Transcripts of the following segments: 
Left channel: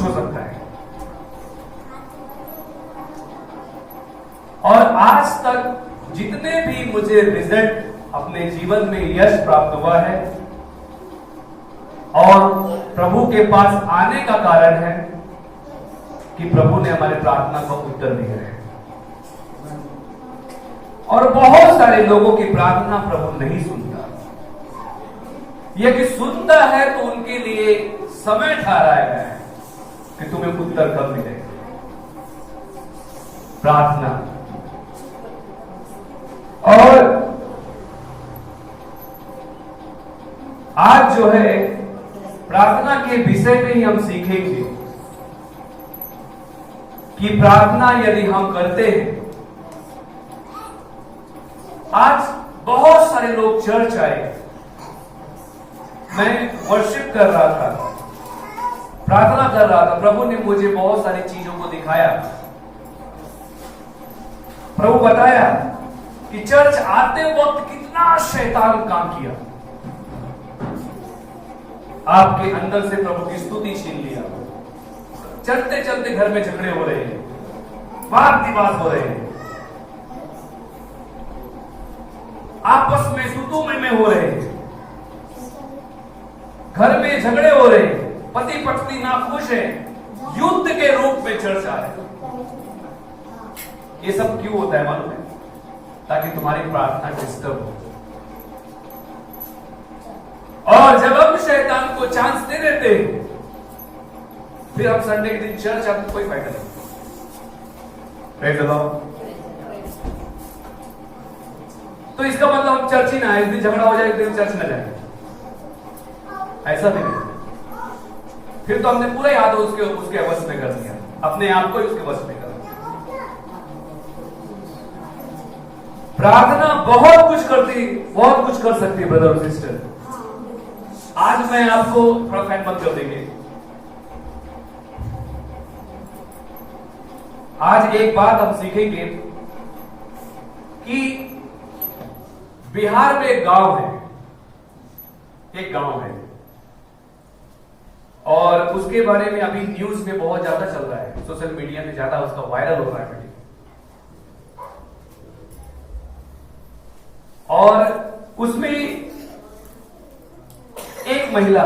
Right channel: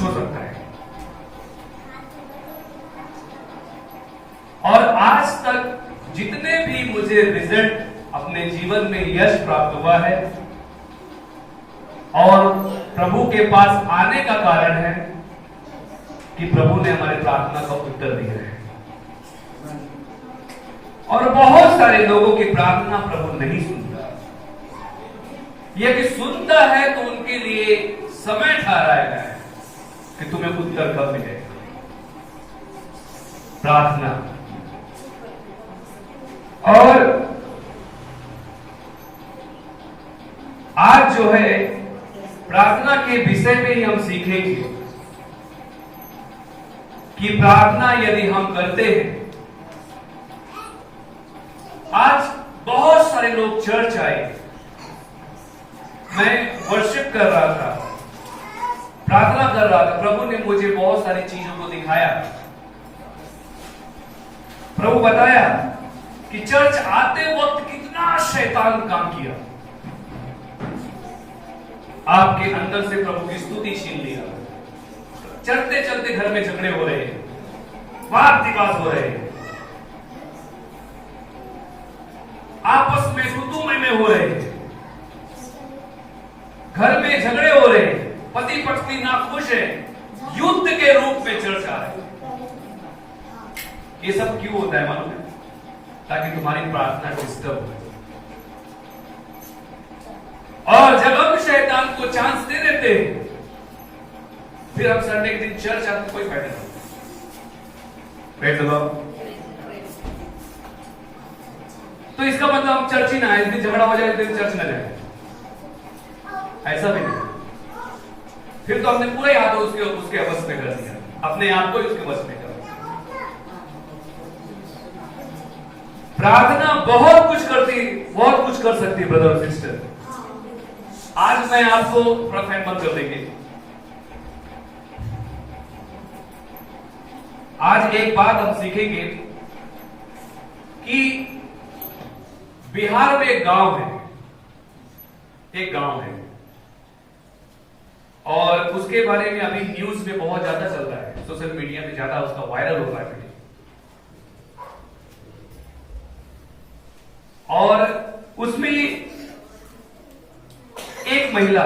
कुछ हो सकता है। और आज तक जितने भी मुझे रिजल्ट अपने जीवन में यश प्राप्त हुआ है और प्रभु के पास आने का कारण है कि प्रभु ने हमारे प्रार्थना का उत्तर दिया है। और बहुत सारे लोगों की प्रार्थना प्रभु नहीं सुनता, यह कि सुनता है तो उनके लिए समय ठहराया गया है कि तुम्हें उत्तर कब मिलेगा। प्रार्थना और आज जो है प्रार्थना के विषय में ही हम सीखेंगे कि प्रार्थना यदि हम करते हैं। आज बहुत सारे लोग चर्च आए, मैं वर्शिप कर रहा था, प्रार्थना कर रहा था, प्रभु ने मुझे बहुत सारी चीजों को दिखाया। प्रभु बताया कि चर्च आते वक्त कितना शैतान काम किया, आपके अंदर से प्रभु की स्तुति छीन लिया। चलते चलते घर में झगड़े हो रहे हैं, वाद विवाद हो रहे हैं, आपस में सुतुमय में हो रहे हैं, घर में झगड़े हो रहे हैं, पति पत्नी नाखुश है, युद्ध के रूप में चर्च आ रहे हैं। ये सब क्यों होता है मालूम है? ताकि तुम्हारी प्रार्थना डिस्टर्ब हो। और जब हम शैतान को चांस दे देते हैं, फिर हम संडे के दिन चर्च आते तो कोई फायदा नहीं। Praise the Lord. तो इसका मतलब हम चर्च ही ना आए, दिन झगड़ा हो जाए तो चर्च न जाए, ऐसा भी नहीं। फिर तो हमने पूरा याद हो उसके वश में कर दिया, अपने आप को उसके वश में कर दिया। प्रार्थना बहुत कुछ कर सकती है ब्रदर और सिस्टर। आज मैं आपको थोड़ा फैन बंद कर देंगे। आज एक बात हम सीखेंगे कि बिहार में एक गांव है और उसके बारे में अभी न्यूज में बहुत ज्यादा चल रहा है, सोशल मीडिया में ज्यादा उसका वायरल हो रहा है। और उसमें एक महिला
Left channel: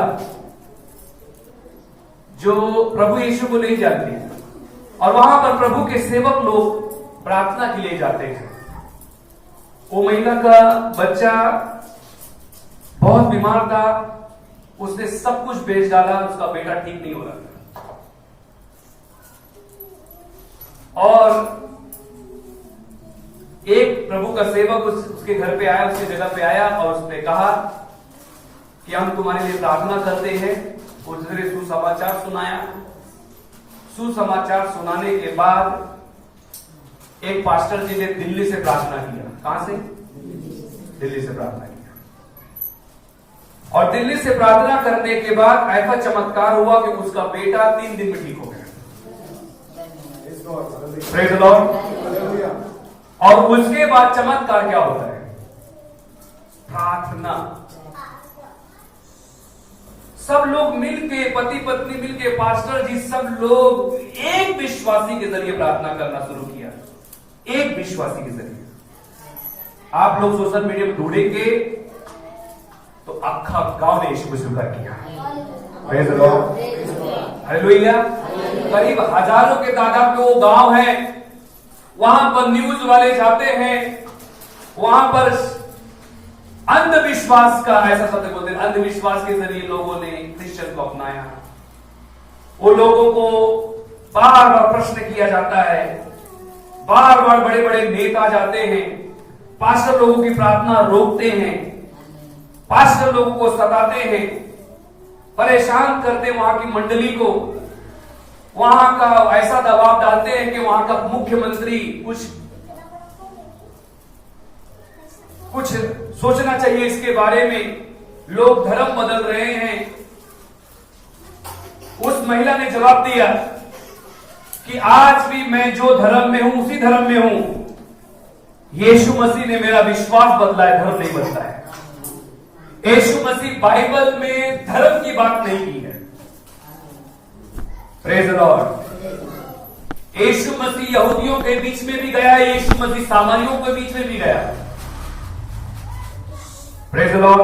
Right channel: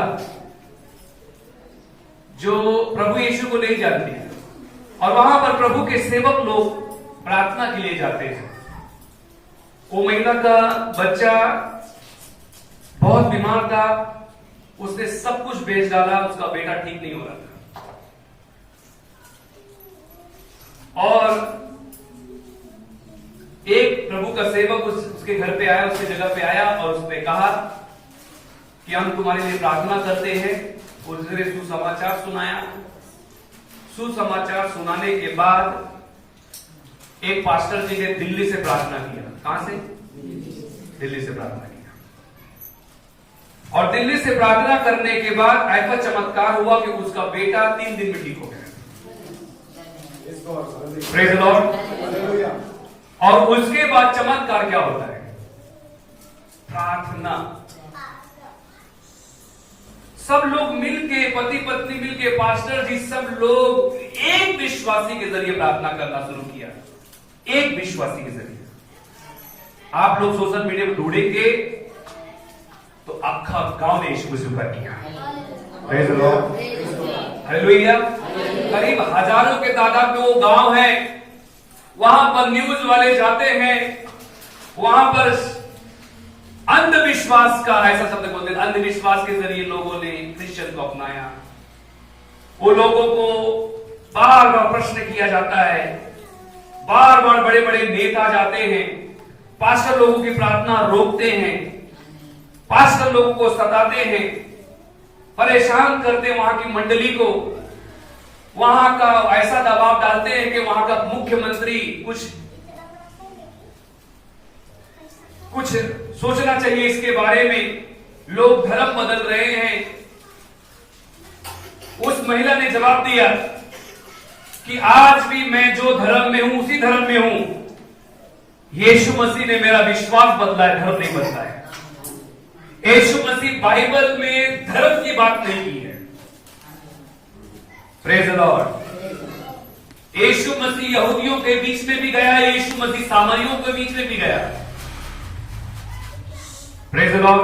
जो प्रभु यीशु को नहीं जानती और वहां पर प्रभु के सेवक लोग प्रार्थना के लिए जाते हैं। वो महिला का बच्चा बहुत बीमार था, उसने सब कुछ बेच डाला, उसका बेटा ठीक नहीं हो रहा था। और एक प्रभु का सेवक उसके घर पे आया, उसकी जगह पे आया और उसने कहा कि हम तुम्हारे लिए प्रार्थना करते हैं। उसने सुसमाचार सुनाया। सुसमाचार सुनाने के बाद एक पास्टर जी ने दिल्ली से प्रार्थना किया। कहां से? दिल्ली से प्रार्थना किया। और दिल्ली से प्रार्थना करने के बाद ऐसा चमत्कार हुआ कि उसका बेटा 3 दिन में ठीक हो गया। Praise the Lord. और उसके बाद चमत्कार क्या होता है? प्रार्थना। सब लोग मिलके, पति पत्नी मिलके, पास्टर जी सब लोग एक विश्वासी के जरिए प्रार्थना करना शुरू किया। एक विश्वासी के जरिए। आप लोग सोशल मीडिया में ढूंढेंगे तो अक्खा गांव ने यीशु को स्वीकार किया। Praise the Lord. हालेलुया। करीब हजारों के तादाद में वो गांव है। वहां पर न्यूज वाले जाते हैं, वहां पर अंधविश्वास का, ऐसा शब्द बोलते हैं, अंधविश्वास के जरिए लोगों ने क्रिश्चियन को अपनाया। वो लोगों को बार बार प्रश्न किया जाता है, बार बार बड़े बड़े नेता जाते हैं, पास्टर लोगों की प्रार्थना रोकते हैं, पास्टर लोगों को सताते हैं, परेशान करते हैं वहां की मंडली को, वहां का ऐसा दबाव डालते हैं कि वहां का मुख्यमंत्री कुछ सोचना चाहिए इसके बारे में। लोग धर्म बदल रहे हैं। उस महिला ने जवाब दिया कि आज भी मैं जो धर्म में हूं उसी धर्म में हूं। यीशु मसीह ने मेरा विश्वास बदला है, धर्म नहीं बदला है। यीशु मसीह बाइबल में धर्म की बात नहीं की है, प्रेज द लॉर्ड। यीशु मसीह यहूदियों के बीच में भी गया, यीशु मसीह सामारियों के बीच में भी गया। Praise the Lord.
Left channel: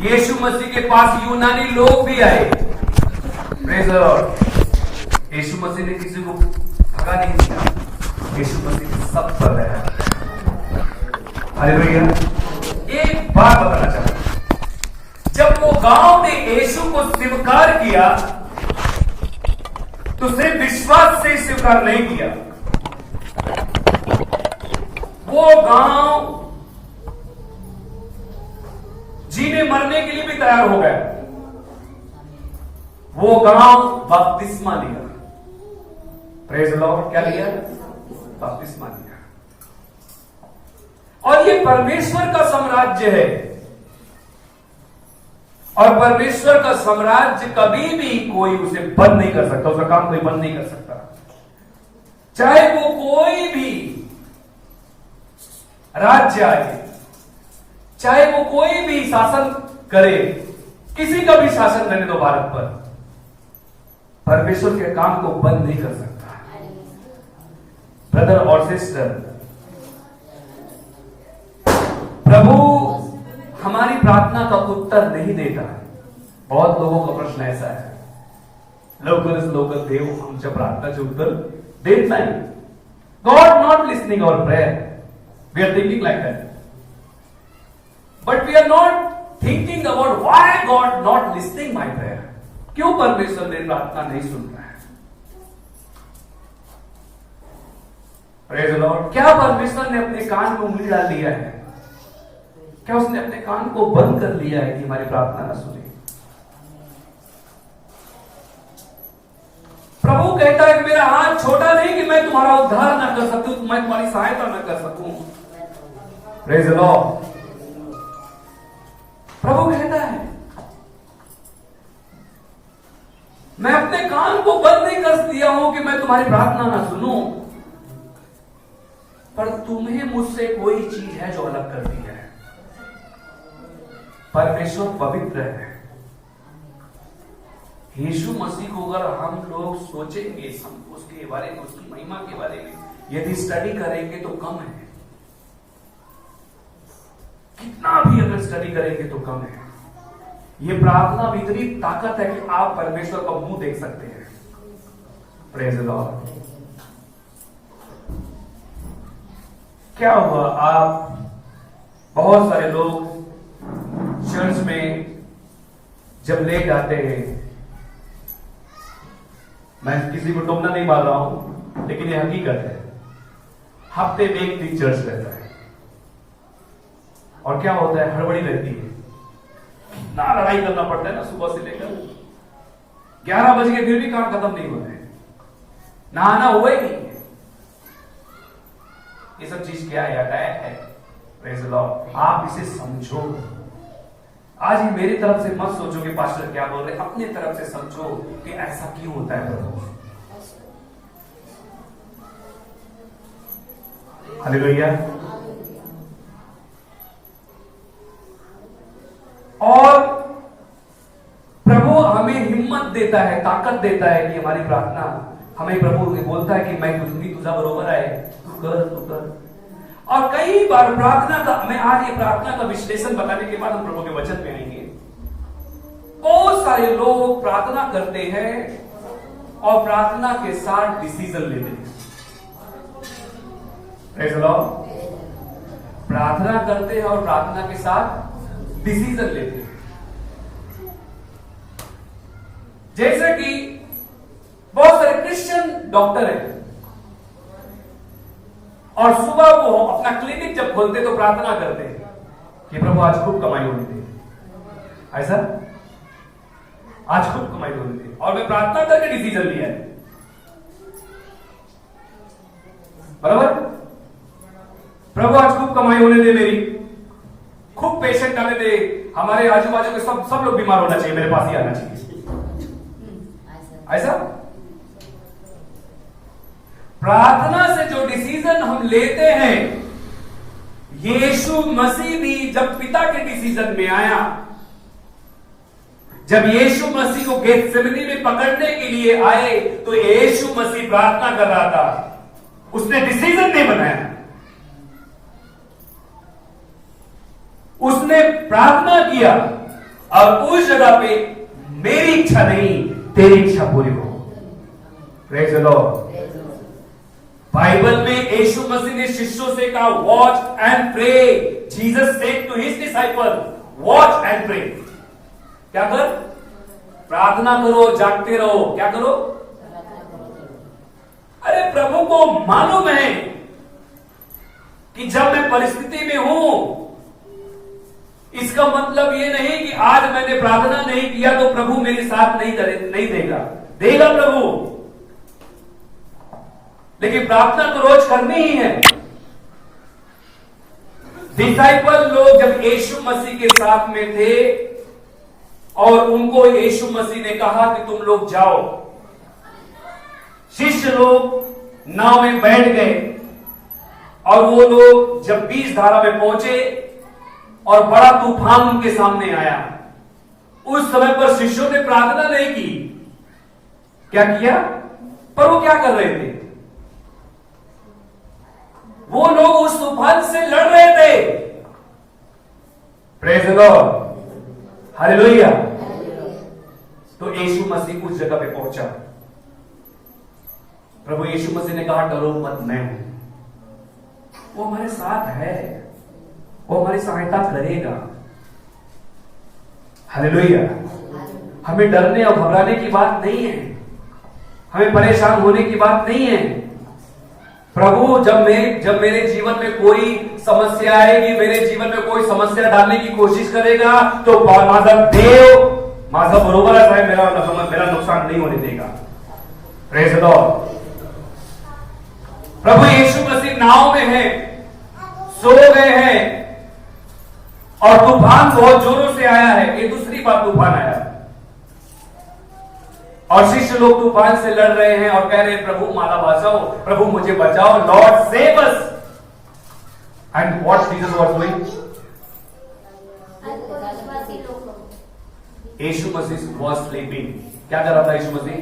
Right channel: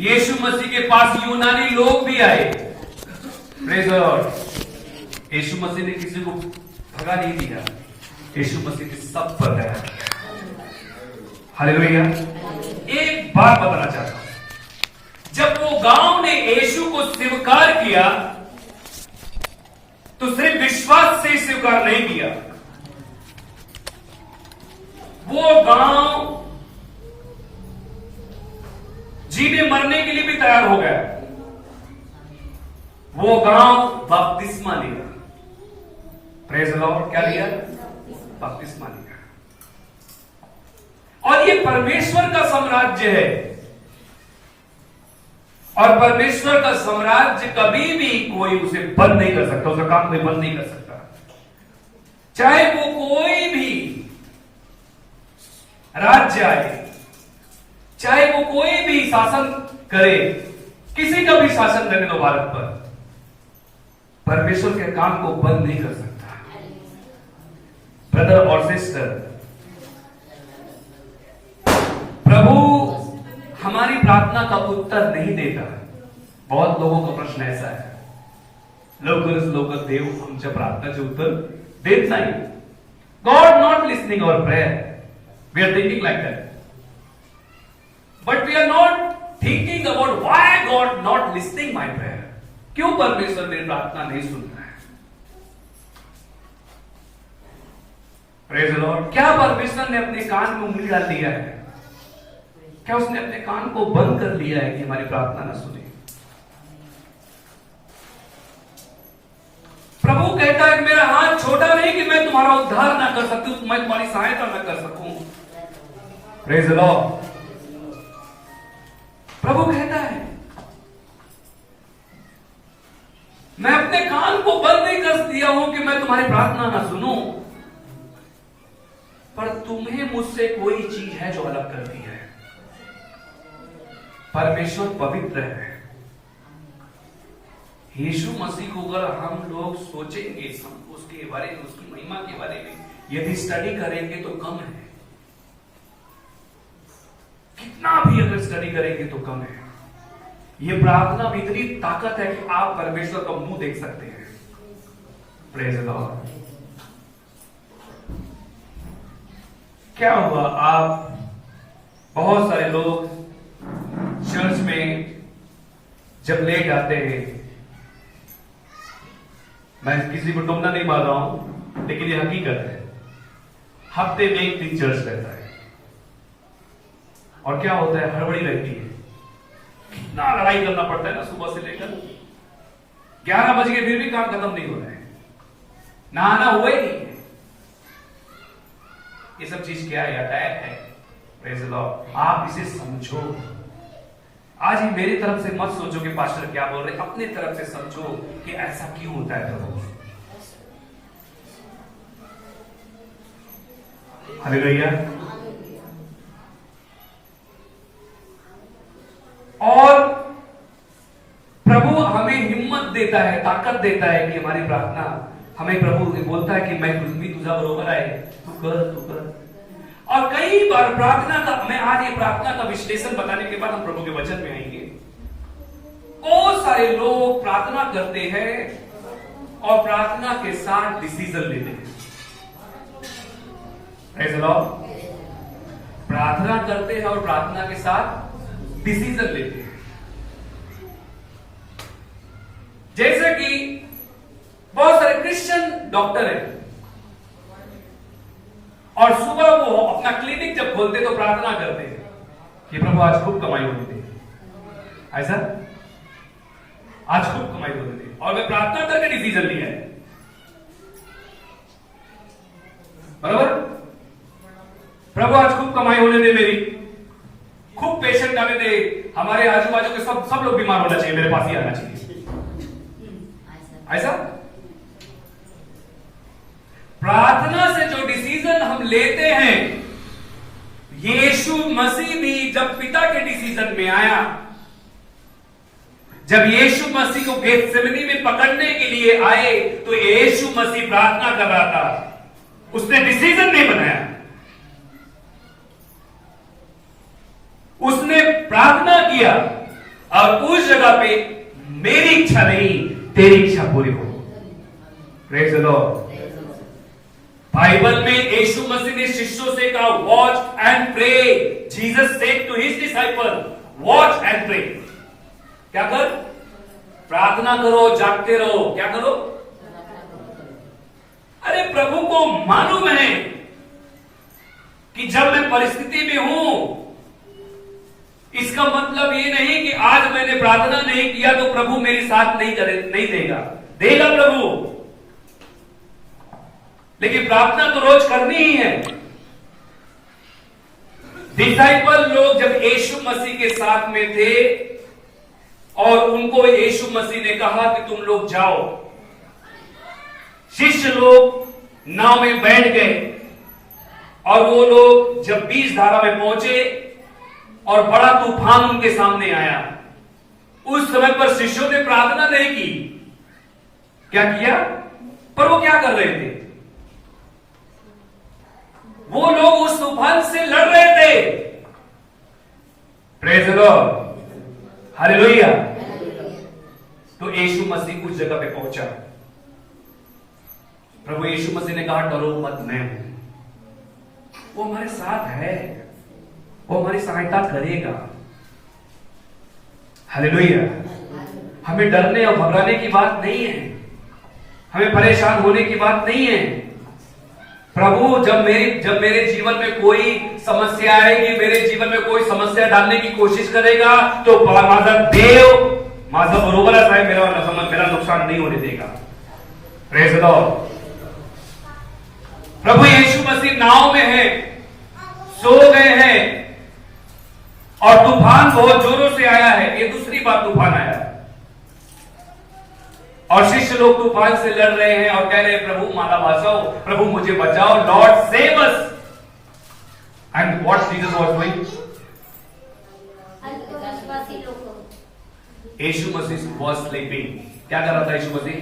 यीशु मसीह के पास यूनानी लोग भी आए। Praise the Lord. यीशु मसीह ने किसी को भगा नहीं दिया, यीशु मसीह ने सब पर दया। हालेलुया। एक बात बताना चाहता हूं, जब वो गांव ने यीशु को स्वीकार किया तो सिर्फ विश्वास से स्वीकार नहीं किया, वो गांव जीने मरने के लिए भी तैयार हो गया। वो गांव बपतिस्मा लिया। Praise the Lord. क्या लिया? बपतिस्मा लिया। और ये परमेश्वर का साम्राज्य है, और परमेश्वर का साम्राज्य कभी भी कोई उसे बंद नहीं कर सकता, उसका काम कोई बंद नहीं कर सकता। चाहे वो कोई भी राज्य आए, चाहे वो कोई भी शासन करे, किसी का भी शासन करने दो भारत पर, परमेश्वर के काम को बंद नहीं कर सकता। ब्रदर और सिस्टर, प्रभु हमारी प्रार्थना का उत्तर नहीं देता है। बहुत लोगों का प्रश्न ऐसा है, लवकर देव आमच्या प्रार्थनाचे उत्तर देत नाही। God not listening our prayer. We are thinking like that, but we are not thinking about why God not listening my prayer. क्यों परमेश्वर मेरी प्रार्थना नहीं सुन रहा है? Praise the Lord. क्या परमेश्वर ने अपने कान में उंगली डाल दिया है? क्या उसने अपने कान को बंद कर लिया है कि हमारी प्रार्थना न सुने? प्रभु कहता है कि मेरा हाथ छोटा नहीं कि मैं तुम्हारा उद्धार ना कर सकूं, मैं तुम्हारी सहायता न कर सकूं। Praise the Lord. प्रभु कहता है मैं अपने कान को बंद नहीं कर दिया हूं कि मैं तुम्हारी प्रार्थना ना सुनूं, पर तुम्हें मुझसे कोई चीज है जो अलग करती है। परमेश्वर पवित्र है। यीशु मसीह को अगर हम लोग सोचेंगे, हम उसके बारे में, उसकी महिमा के बारे में यदि स्टडी करेंगे तो कम है। कितना भी अगर स्टडी करेंगे तो कम है। ये प्रार्थना में इतनी ताकत है कि आप परमेश्वर का मुंह देख सकते हैं। Praise the Lord. क्या हुआ, आप बहुत सारे लोग चर्च में जब लेट आते हैं, मैं किसी को टोकना नहीं मार रहा हूं, लेकिन ये हकीकत है, हफ्ते में एक दिन चर्च रहता है, और क्या होता है, हड़बड़ी रहती है, कितना लड़ाई करना पड़ता है ना, सुबह से लेकर 11 बज के फिर भी काम खत्म नहीं हो रहा है, नहाना हुआ ही नहीं। ये सब चीज क्या है? अटैक है। Praise the Lord. आप इसे समझो। आज ही मेरी तरफ से मत सोचो कि पास्टर क्या बोल रहे, अपने तरफ से समझो कि ऐसा क्यों होता है। प्रभु हालेलुया। और प्रभु हमें हिम्मत देता है, ताकत देता है कि हमारी प्रार्थना, हमें प्रभु बोलता है कि मैं तुझ भी तुझा बरोबर है, तू कर। और कई बार प्रार्थना का, मैं आज ये प्रार्थना का विश्लेषण बताने के बाद हम प्रभु के वचन में आएंगे। बहुत सारे लोग प्रार्थना करते हैं और प्रार्थना के साथ डिसीजन लेते हैं। Praise the Lord. प्रार्थना करते हैं और प्रार्थना के साथ डिसीजन लेते हैं। जैसे कि बहुत सारे क्रिश्चियन डॉक्टर हैं और सुबह वो अपना क्लिनिक जब खोलते तो प्रार्थना करते हैं कि प्रभु आज खूब कमाई होने दे, ऐसा आज खूब कमाई होने दे, और मैं प्रार्थना करके डिसीजन लिया है। बराबर, प्रभु आज खूब कमाई होने दे, मेरी खूब पेशेंट आने दे, हमारे आजू बाजू के सब लोग बीमार होना चाहिए, मेरे पास ही आना चाहिए, ऐसा। प्रार्थना से जो डिसीजन हम लेते हैं, यीशु मसीह भी जब पिता के डिसीजन में आया जब यीशु मसीह को गेत्सेमनी में पकड़ने के लिए आए तो यीशु मसीह प्रार्थना कर रहा था, उसने डिसीजन नहीं बनाया, उसने प्रार्थना किया और उस जगह पे मेरी इच्छा नहीं तेरी इच्छा पूरी हो। Praise the Lord. बाइबल में यीशु मसीह ने शिष्यों से कहा watch and pray. Jesus said to his disciple watch and pray. क्या कर? प्रार्थना करो, जागते रहो। क्या करो? अरे प्रभु को मालूम है कि जब मैं परिस्थिति में हूं, इसका मतलब ये नहीं कि आज मैंने प्रार्थना नहीं किया तो प्रभु मेरे साथ नहीं देगा। देगा प्रभु, लेकिन प्रार्थना तो रोज करनी ही है। डिसाइपल लोग जब यीशु मसीह के साथ में थे और उनको यीशु मसीह ने कहा कि तुम लोग जाओ, शिष्य लोग नाव में बैठ गए और वो लोग जब बीच धारा में पहुंचे और बड़ा तूफान उनके सामने आया, उस समय पर शिष्यों ने प्रार्थना नहीं की। क्या किया? पर वो क्या कर रहे थे? वो लोग उस तूफान से लड़ रहे थे। Praise the Lord, hallelujah. तो यीशु मसीह उस जगह पे पहुंचा। प्रभु यीशु मसीह ने कहा डरो मत, मैं हूं। वो हमारे साथ है, वो हमारी सहायता करेगा। हालेलुया। हमें डरने और घबराने की बात नहीं है, हमें परेशान होने की बात नहीं है। प्रभु जब मेरे जीवन में कोई समस्या आएगी, मेरे जीवन में कोई समस्या डालने की कोशिश करेगा तो माझा देव माझा बरोबर है, मेरा नुकसान नहीं होने देगा। Praise the Lord. प्रभु यीशु मसीह नाव में है, सो गए हैं और तूफान बहुत जोरों से आया है। ये दूसरी बार तूफान आया और शिष्य लोग तूफान से लड़ रहे हैं और कह रहे हैं प्रभु मारा बचाओ, प्रभु मुझे बचाओ, Lord save us. And what Jesus was doing? यीशु मसीह वाज स्लीपिंग। क्या कर रहा था यीशु मसीह?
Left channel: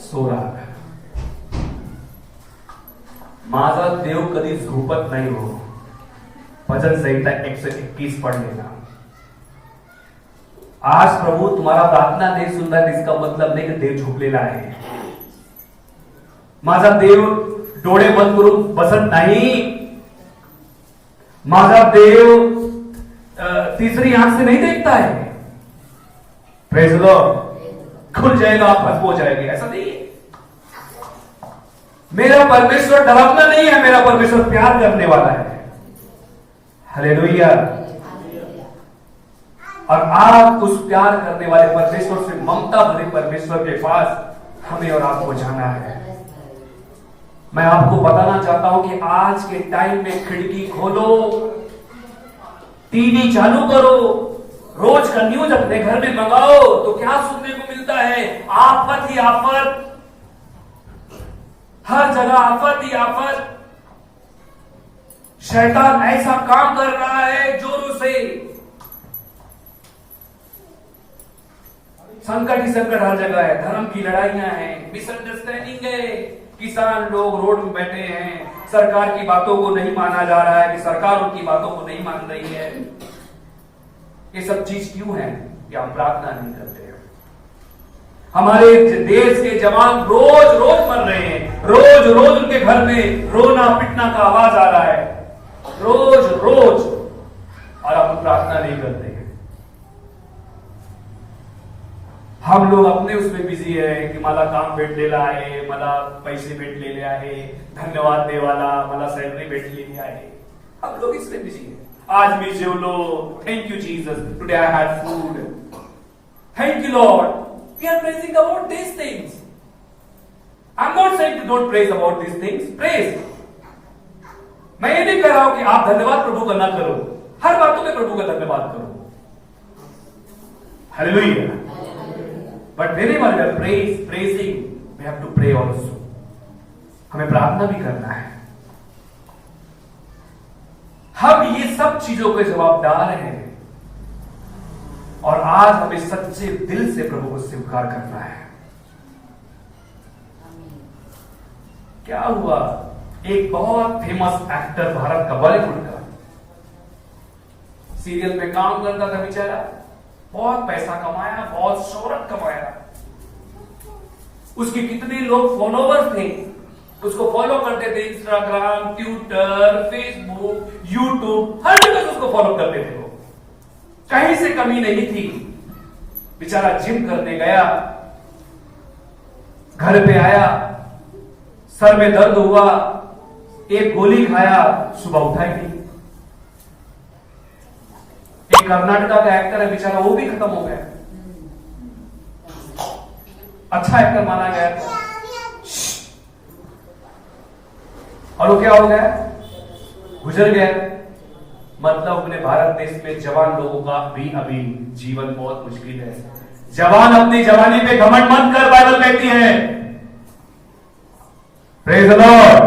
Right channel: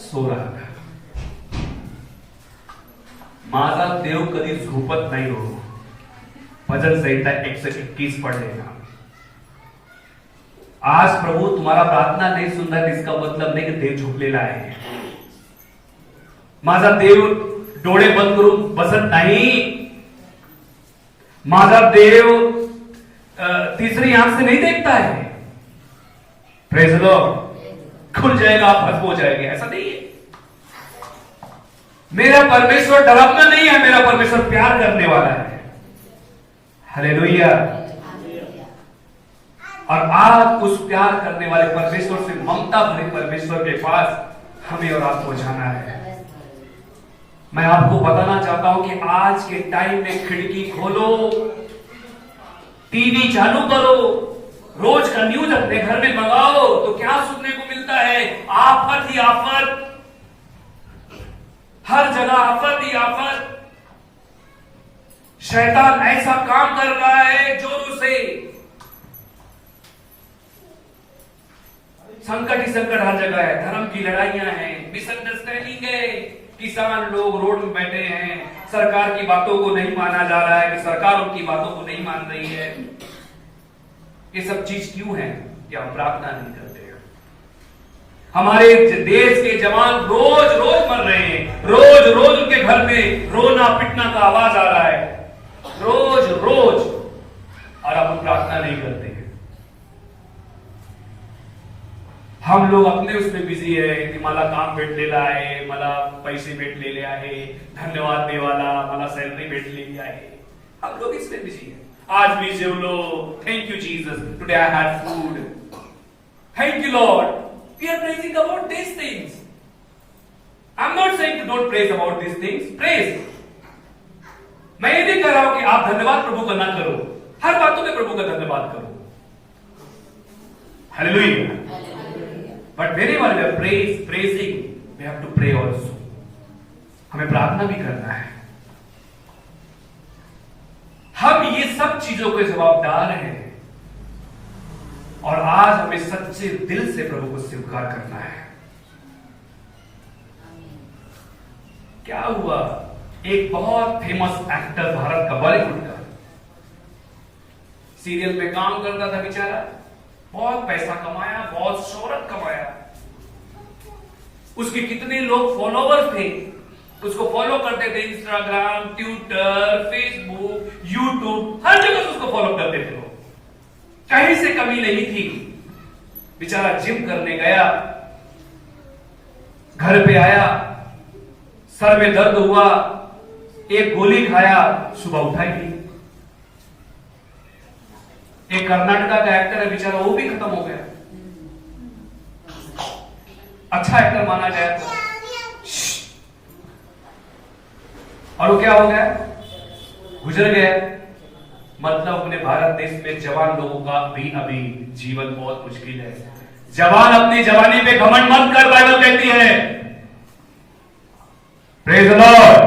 सो रहा था। माझा देव कधी झोपत नहीं हो। भजन संहिता 121 पढ़ लेना। आज प्रभु तुम्हारा प्रार्थना नहीं सुन रहा, इसका मतलब नहीं कि देव झोपलेला आहे। माझा देव डोळे बंद करून बसत नाही। माझा देव तीसरी आंख से नहीं देखता है। Praise the Lord. खुल जाएगा, आप खत्म हो जाएंगे, ऐसा नहीं है। मेरा परमेश्वर डरावना नहीं है, मेरा परमेश्वर प्यार करने वाला है। हालेलुया। और आप उस प्यार करने वाले परमेश्वर से, ममता भरे परमेश्वर के पास हमें और आपको जाना है। मैं आपको बताना चाहता हूं कि आज के टाइम में खिड़की खोलो, टीवी चालू करो, रोज का न्यूज अपने घर में मंगाओ तो क्या सुनने को मिलता है? आफत ही आफत, हर जगह आफत ही आफत। शैतान ऐसा काम कर रहा है जोरों से, संकट ही संकट हर जगह है। धर्म की लड़ाइयां हैं, मिसअंडरस्टैंडिंग है, किसान लोग रोड में बैठे हैं, सरकार की बातों को नहीं माना जा रहा है कि सरकार उनकी बातों को नहीं मान रही है। ये सब चीज क्यों है कि आप प्रार्थना नहीं करते हैं? हमारे देश के जवान रोज रोज मर रहे हैं, रोज रोज उनके घर में रोना पिटना का आवाज आ रहा है, रोज रोज, और आप प्रार्थना नहीं करते हैं। हम लोग अपने उसमें बिझी है की मला काम भेटलेलं आहे, मला पैसे भेटलेले आहे, धन्यवाद देवाला, मला सैलरी भेटलेली आहे। हम लोग इसमें बिझी है। आज मी जेवलो, thank you Jesus, today I had food, thank you Lord. We are praising about this things. I am not saying to don't praise about this things, praise. मैं ये नहीं कह रहा हूं कि आप धन्यवाद प्रभु का ना करो, हर बातों में प्रभु का धन्यवाद करो। Hallelujah. But whenever we are praising, we have to pray also. हमें प्रार्थना भी करना है। हम ये सब चीजों के जवाबदार हैं। और आज हमें सच्चे दिल से प्रभु को स्वीकार करना है। क्या हुआ, एक बहुत फेमस एक्टर भारत का, बॉलीवुड का, सीरियल में काम करता था बेचारा, बहुत पैसा कमाया, बहुत शोहरत कमाया, उसके कितने लोग फॉलोवर्स थे, उसको फॉलो करते थे, इंस्टाग्राम, ट्विटर, फेसबुक, यूट्यूब, हर जगह से उसको फॉलो करते थे। वो कहीं से कमी नहीं थी। बेचारा जिम करने गया, घर पे आया, सर में दर्द हुआ, एक गोली खाया, सुबह उठा ही नहीं। एक कर्नाटका का एक्टर है बेचारा, वो भी खत्म हो गया, अच्छा एक्टर माना गया था, और वो क्या हो गया, गुजर गया। मतलब अपने भारत देश में जवान लोगों का भी अभी जीवन बहुत मुश्किल है। जवान अपनी जवानी पे घमंड मत कर, बाइबल कहती है। Praise the Lord.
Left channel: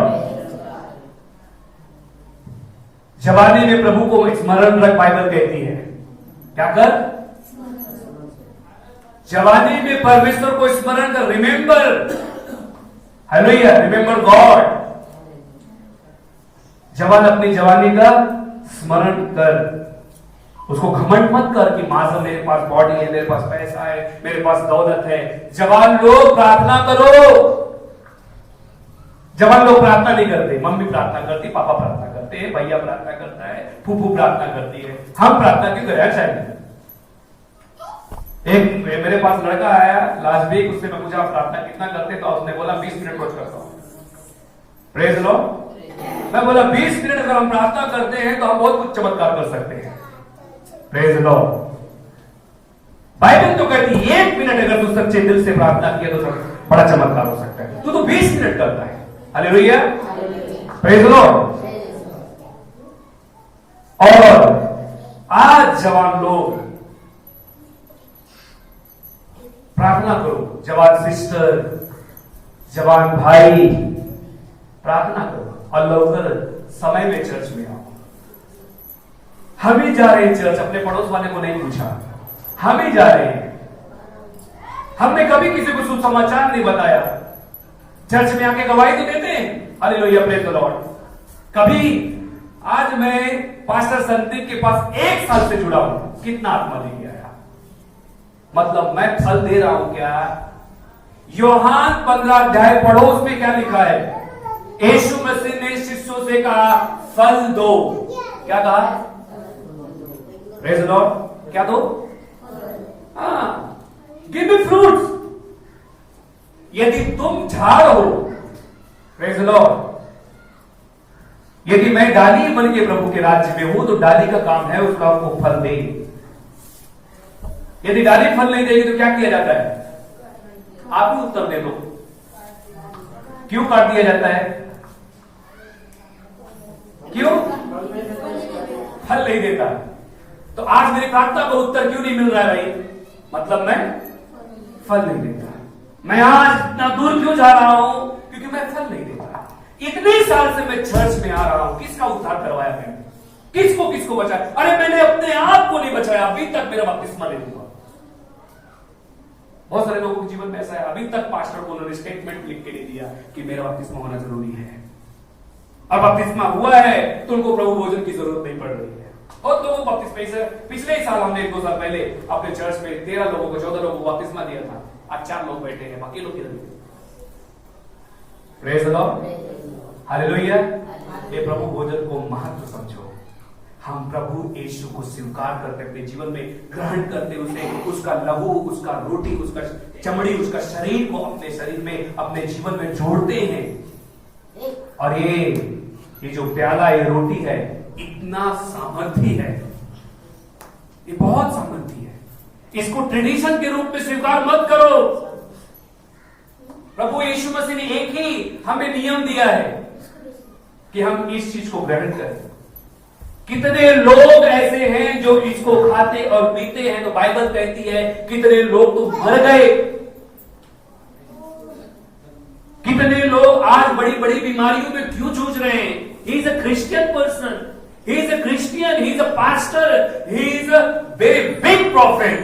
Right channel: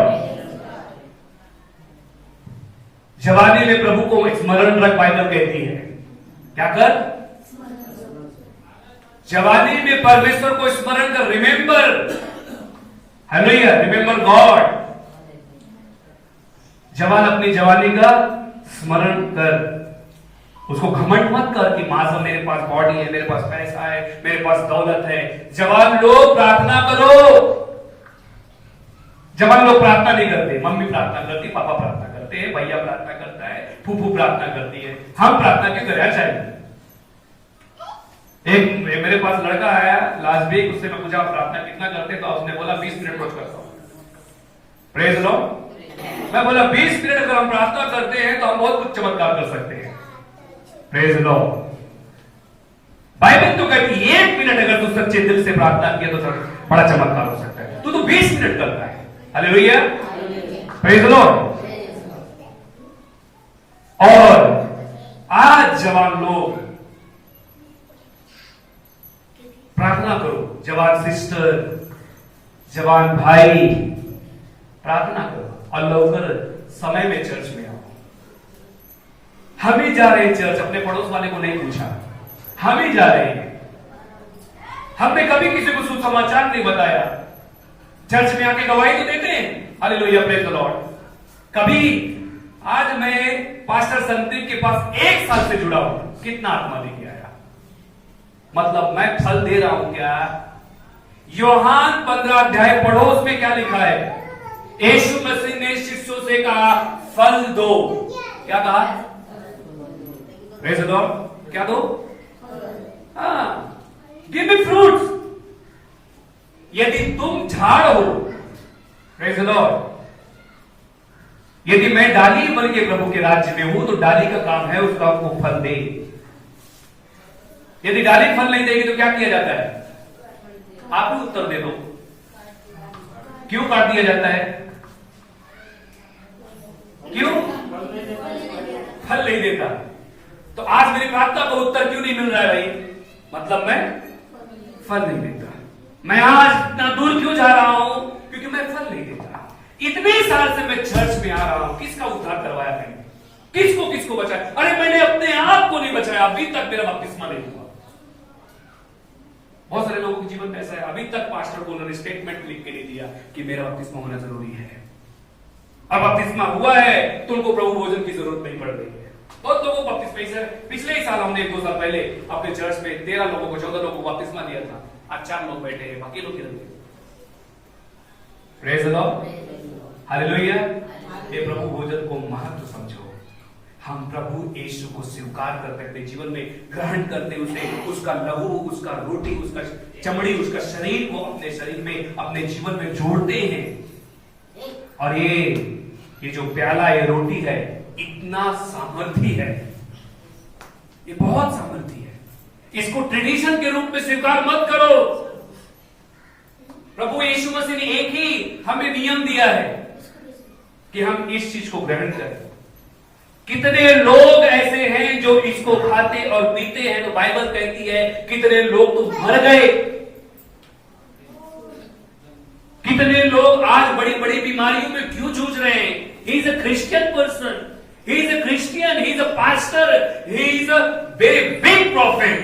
जवानी में प्रभु को स्मरण रख, बाइबल कहती है। क्या कर, जवानी में परमेश्वर को स्मरण कर, रिमेंबर, हालेलुया, रिमेंबर गॉड। जवान अपनी जवानी का स्मरण कर, उसको घमंड मत कर कि मां, मेरे पास बॉडी है, मेरे पास पैसा है, मेरे पास दौलत है। जवान लोग प्रार्थना करो। जवान लोग प्रार्थना नहीं करते, मम्मी प्रार्थना करती, पापा प्रार्थना करते हैं, भैया प्रार्थना करता है, फूफू प्रार्थना करती है, हम प्रार्थना क्यों करें? चाहिए। एक मेरे पास लड़का आया लास्ट वीक, उससे मैं पूछा प्रार्थना कितना करते, तो उसने बोला 20 मिनट रोज करता हूं। Praise Lord. मैं बोला 20 मिनट अगर हम प्रार्थना करते हैं तो हम बहुत कुछ चमत्कार कर सकते हैं। Praise Lord. बाइबल तो कहती है 1 मिनट अगर तू सच्चे दिल से प्रार्थना किया तो बड़ा चमत्कार हो सकता है। तू तो 20 मिनट करता है। Hallelujah, praise Lord. और आज जवान लोग प्रार्थना करो, जवान सिस्टर, जवान भाई, प्रार्थना करो और लौकर समय में चर्च में आओ। हम ही जा रहे हैं चर्च, अपने पड़ोस वाले को नहीं पूछा, हम ही जा रहे हैं। हमने कभी किसी को सुसमाचार नहीं बताया। चर्च में आके गवाही तो देते हैं, हालेलुया, प्रेज द लॉर्ड। कभी आज मैं पास्टर संदीप के पास 1 साल से जुड़ा हूं, कितना आत्मा दे गया है, मतलब मैं फल दे रहा हूं क्या? यूहन्ना 15 अध्याय पढ़ो, उसमें क्या लिखा है? यीशु मसीह ने शिष्यों से कहा फल दो। क्या कहा? Praise the Lord. क्या दो? Give me fruits. यदि तुम झाड़ हो, प्रेज द लॉर्ड, यदि मैं डाली बन के प्रभु के राज्य में हूं तो डाली का काम है उसका आपको फल दे। यदि डाली फल नहीं देगी तो क्या किया जाता है? आप ही उत्तर दे दो, क्यों काट दिया जाता है? क्यों? फल नहीं देता। तो आज मेरी प्रार्थना का उत्तर क्यों नहीं मिल रहा है भाई? मतलब मैं फल नहीं देता। मैं आज इतना दूर क्यों जा रहा हूं? क्योंकि मैं फल नहीं देता। इतने साल से मैं चर्च में आ रहा हूं, किसका उद्धार करवाया मैंने? किसको बचाया? अरे मैंने अपने आप को नहीं बचाया, अभी तक मेरा बपतिस्मा नहीं हुआ। बहुत सारे लोगों के जीवन में ऐसा है, अभी तक पास्टर को उन्होंने स्टेटमेंट लिख के नहीं दिया कि मेरा बपतिस्मा होना जरूरी है। और बपतिस्मा हुआ है तो उनको प्रभु भोजन की जरूरत नहीं पड़ रही है। बहुत लोगों को बपतिस्मा, पिछले ही साल हमने 1-2 साल पहले अपने चर्च में 13 लोगों को 14 लोगों को बपतिस्मा दिया था। आज 4 लोग बैठे हैं, बाकी लोग किधर गए? Praise the Lord, hallelujah. ये प्रभु भोजन को महत्व समझो। हम प्रभु यीशु को स्वीकार करते अपने जीवन में ग्रहण करते, उसे, उसका लहू, उसका रोटी, उसका चमड़ी, उसका शरीर को अपने शरीर में, अपने जीवन में जोड़ते हैं। और ये जो प्याला, ये रोटी है, इतना सामर्थ्य है, ये बहुत सामर्थ्य है। इसको ट्रेडिशन के रूप में स्वीकार मत करो। प्रभु यीशु मसीह ने एक ही हमें नियम दिया है कि हम इस चीज को ग्रहण करें। कितने लोग ऐसे हैं जो इसको खाते और पीते हैं, तो बाइबल कहती है कितने लोग तो मर गए। कितने लोग आज बड़ी बड़ी बीमारियों में क्यों जूझ रहे हैं? He is a Christian person, he is a Christian, he is a pastor, he is a very big profit,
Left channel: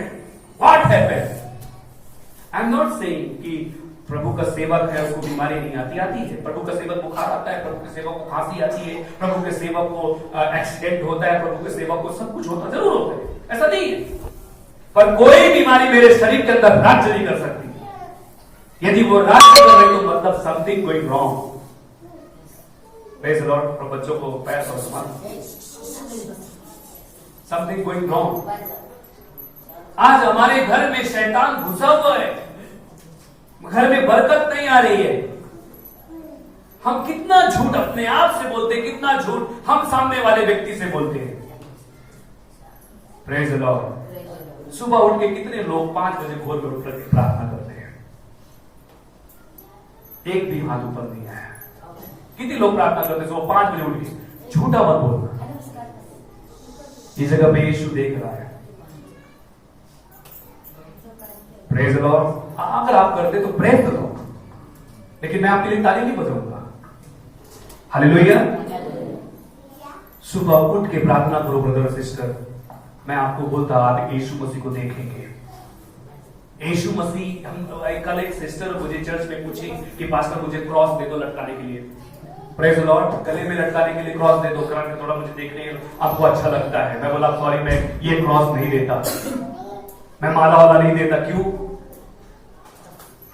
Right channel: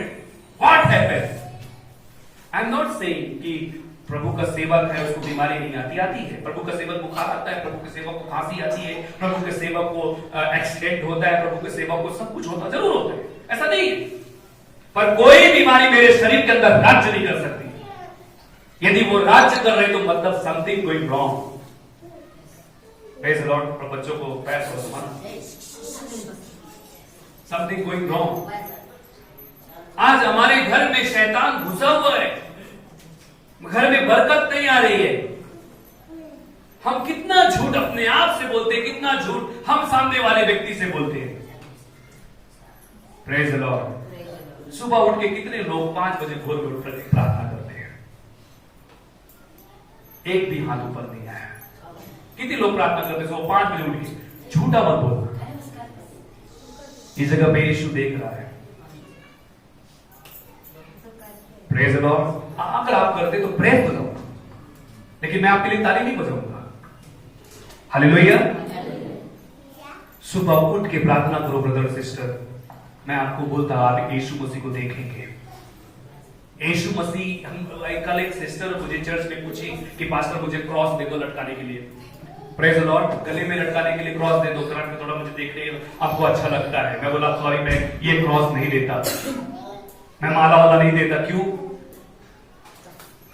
what happened? I am not saying कि प्रभु का सेवक है उसको बीमारी नहीं आती, आती है। प्रभु का सेवक बुखार आता है, प्रभु के सेवक को खांसी आती है, प्रभु के सेवक को एक्सीडेंट होता है, प्रभु के सेवक को सब कुछ होता जरूर होता है, ऐसा नहीं है। पर कोई बीमारी मेरे शरीर के अंदर राज्य नहीं कर सकती। यदि वो राज्य कर रही तो मतलब something going wrong. Praise Lord. और बच्चों को पैर पर समथिंग गोइंग रॉन्ग। आज हमारे घर में शैतान घुसा हुआ है, घर में बरकत नहीं आ रही है। हम कितना झूठ अपने आप से बोलते हैं, कितना झूठ हम सामने वाले व्यक्ति से बोलते हैं। Praise Lord. सुबह उठ के कितने लोग 5 बजे भोर में उठ करके प्रार्थना करते हैं? एक भी हाथ ऊपर नहीं आया। कितने लोग प्रार्थना करते हैं सुबह 5 बजे उठ के? झूठा मत बोलना, इस जगह पे यीशु देख रहा है। Praise Lord. अगर आप करते तो प्रेज तो दो, लेकिन मैं आपके लिए ताली नहीं बजाऊंगा। हालेलुया। सुबह उठ के प्रार्थना करो ब्रदर और सिस्टर। मैं आपको बोलता आप यीशु मसीह को देखेंगे। यीशु मसीह, हम कल एक सिस्टर मुझे चर्च में पूछी कि पास्टर मुझे क्रॉस दे दो लटकाने के लिए। Praise Lord. गले में लटकाने के लिए क्रॉस दे दो, करंट में थोड़ा मुझे देखने आपको अच्छा लगता है। मैं बोला सॉरी, मैं ये क्रॉस नहीं देता, मैं माला वाला नहीं देता। क्यों?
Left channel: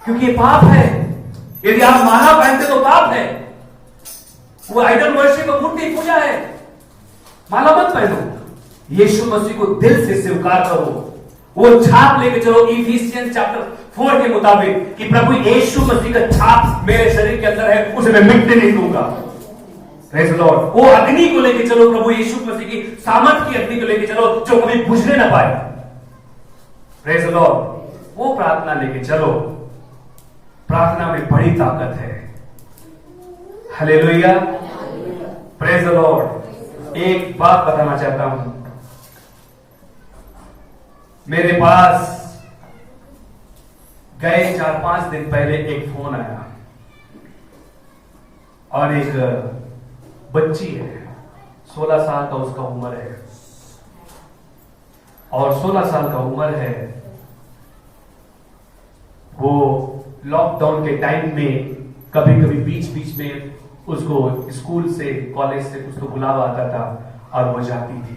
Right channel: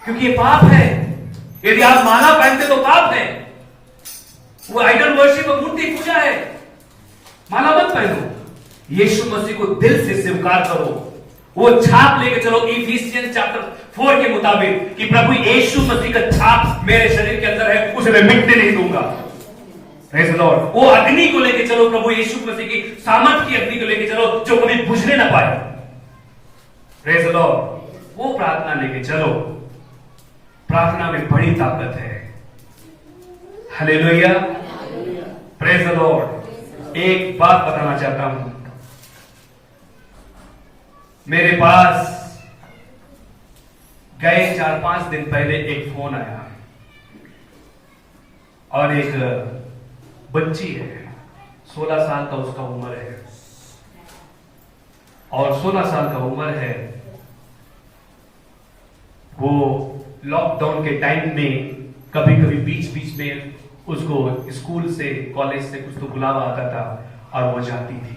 क्योंकि ये पाप है। यदि आप माला पहनते तो पाप है, वो आइडल वर्शिप और मूर्ति पूजा है। माला मत पहनो, यीशु मसीह को दिल से स्वीकार करो। वो छाप लेके चलो इफिसियंस चैप्टर 4 के मुताबिक कि प्रभु यीशु मसीह का छाप मेरे शरीर के अंदर है, उसे मैं मिटने नहीं दूंगा। Praise Lord. वो अग्नि को लेके चलो, प्रभु यीशु मसीह की सामर्थ की अग्नि को लेके चलो जो कभी बुझने ना पाए। Praise Lord. वो प्रार्थना लेके चलो। प्रार्थना में बड़ी ताकत है। हालेलुया। Praise Lord. एक बात बताना चाहता हूं, मेरे पास गए 4-5 दिन पहले एक फोन आया और एक बच्ची है, 16 साल का उसका उम्र है। और 16 साल का उम्र है, वो लॉकडाउन के टाइम में कभी कभी बीच बीच में उसको स्कूल से कॉलेज से कुछ तो बुलावा आता था और वो जाती थी।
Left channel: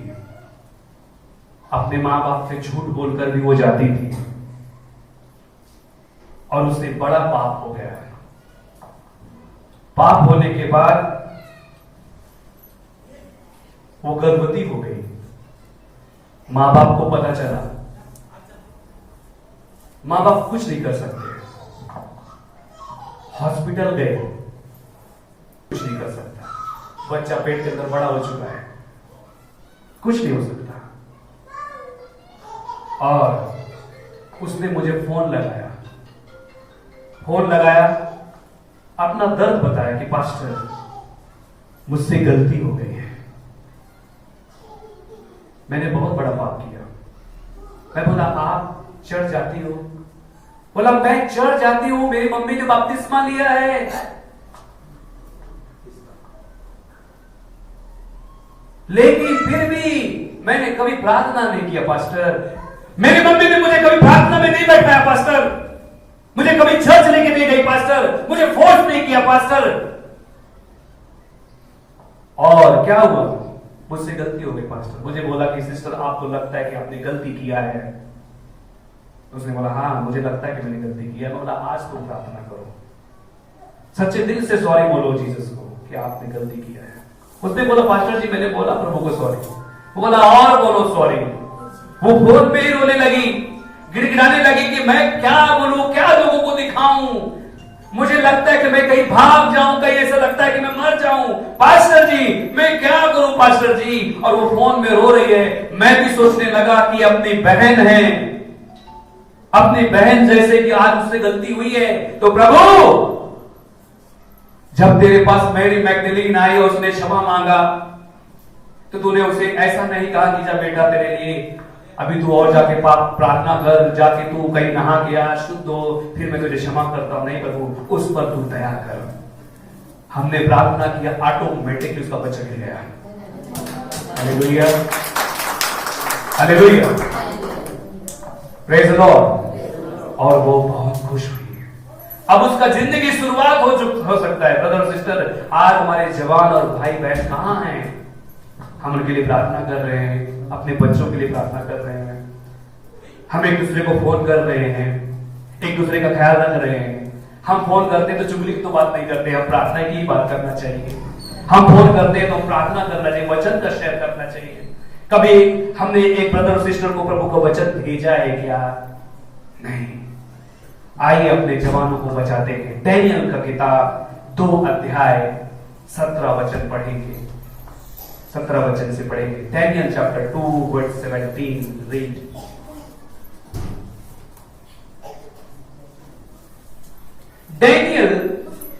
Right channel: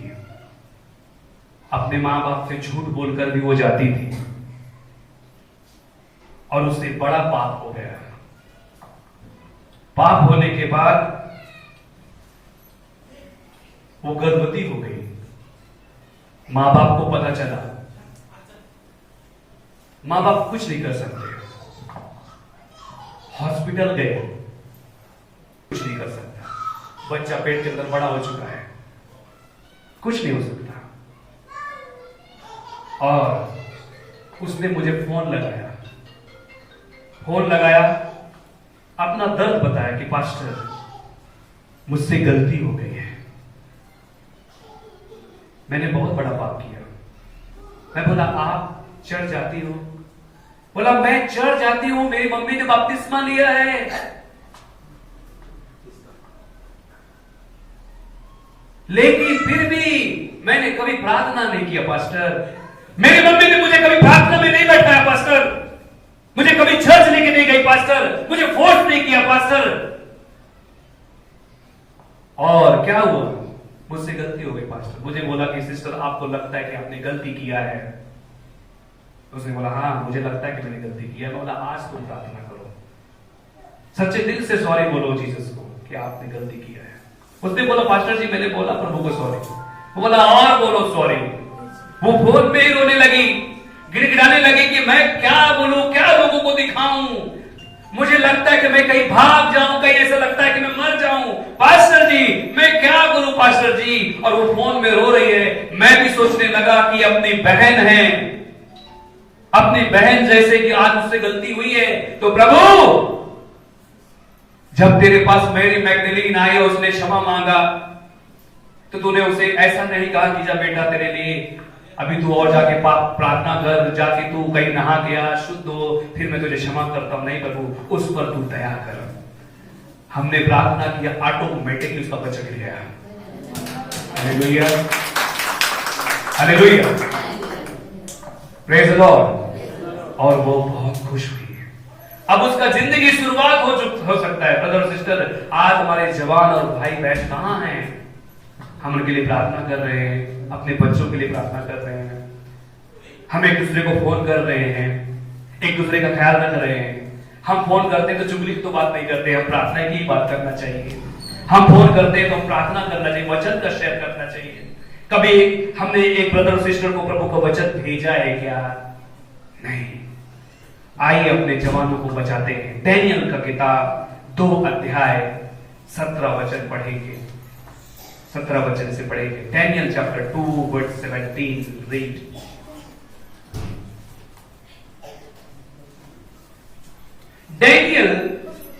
अपने मां बाप से झूठ बोलकर भी वो जाती थी और उससे बड़ा पाप हो गया। पाप होने के बाद वो गर्भवती हो गई। मां बाप को पता चला, मां बाप कुछ नहीं कर सकते। हॉस्पिटल गए, कुछ नहीं कर सकता। बच्चा पेट के अंदर बड़ा हो चुका है, कुछ नहीं हो सकता। और उसने मुझे फोन लगाया, अपना दर्द बताया कि पास्टर मुझसे गलती हो गई है, मैंने बहुत बड़ा पाप किया। मैं बोला आप चर्च जाती हो? बोला मैं चर्च जाती हूं, मेरी मम्मी ने बपतिस्मा लिया है। लेकिन फिर भी मैंने कभी प्रार्थना नहीं किया पास्टर। मेरी मम्मी ने मुझे कभी प्रार्थना में नहीं बैठाया पास्टर, मुझे कभी चर्च लेके नहीं गई पास्टर, मुझे फोर्स नहीं किया पास्टर। और क्या हुआ? मुझसे गलती हो गई पास्टर। मुझे बोला कि सिस्टर आपको लगता है कि आपने गलती किया है? उसने बोला हाँ मुझे लगता है कि मैंने गलती किया। मैं बोला आज तुम प्रार्थना करो, सच्चे दिल से सॉरी बोलो जीसस को कि आपने गलती किया है। उसने बोला पास्टर जी मैंने बोला प्रभु को सॉरी। वो बोला और बोलो सॉरी। वो फोन पे ही रोने लगी, गिड़गिड़ाने लगी कि मैं क्या बोलूं, क्या लोगों को दिखाऊं, मुझे लगता है कि मैं कहीं भाग जाऊं, कहीं ऐसा लगता है कि मैं मर जाऊं। पास्टर जी मैं क्या करूं पास्टर जी? और वो फोन में रो रही है। मैं भी सोचने लगा कि अपनी बहन है, अपनी बहन जैसे कि आज उससे गलती हुई है तो प्रभु जब तेरे पास मेरी मैगदलीन आई और उसने क्षमा मांगा तो तूने उसे ऐसा नहीं कहा कि जा बेटा तेरे लिए अभी तू और जाके पाप प्रार्थना कर, जाके तू कहीं नहा गया शुद्ध हो फिर मैं तुझे क्षमा करता हूं। नहीं प्रभु उस पर तू दया कर। हमने प्रार्थना किया, ऑटोमेटिकली उसका बच्चा गिर गया। Hallelujah, hallelujah. Praise Lord. और वो बहुत खुश हुई। अब उसका जिंदगी शुरुआत हो सकता है। ब्रदर सिस्टर, आज हमारे जवान और भाई बहन कहां हैं? हम उनके लिए प्रार्थना कर रहे हैं, अपने बच्चों के लिए प्रार्थना कर रहे हैं, हम एक दूसरे को फोन कर रहे हैं, एक दूसरे का ख्याल रख रहे हैं। हम फोन करते हैं तो चुगली की तो बात नहीं करते, हम प्रार्थना की बात करना चाहिए। हम फोन करते हैं तो प्रार्थना करना चाहिए, वचन का शेयर करना चाहिए। कभी हमने एक ब्रदर सिस्टर को प्रभु का वचन भेजा है क्या? नहीं। आइए अपने जवानों को बचाते हैं। डैनियल का किताब 2 अध्याय 17 वचन पढ़ेंगे, 17 वचन से पढ़ेंगे। Daniel chapter 2 verse 17 read.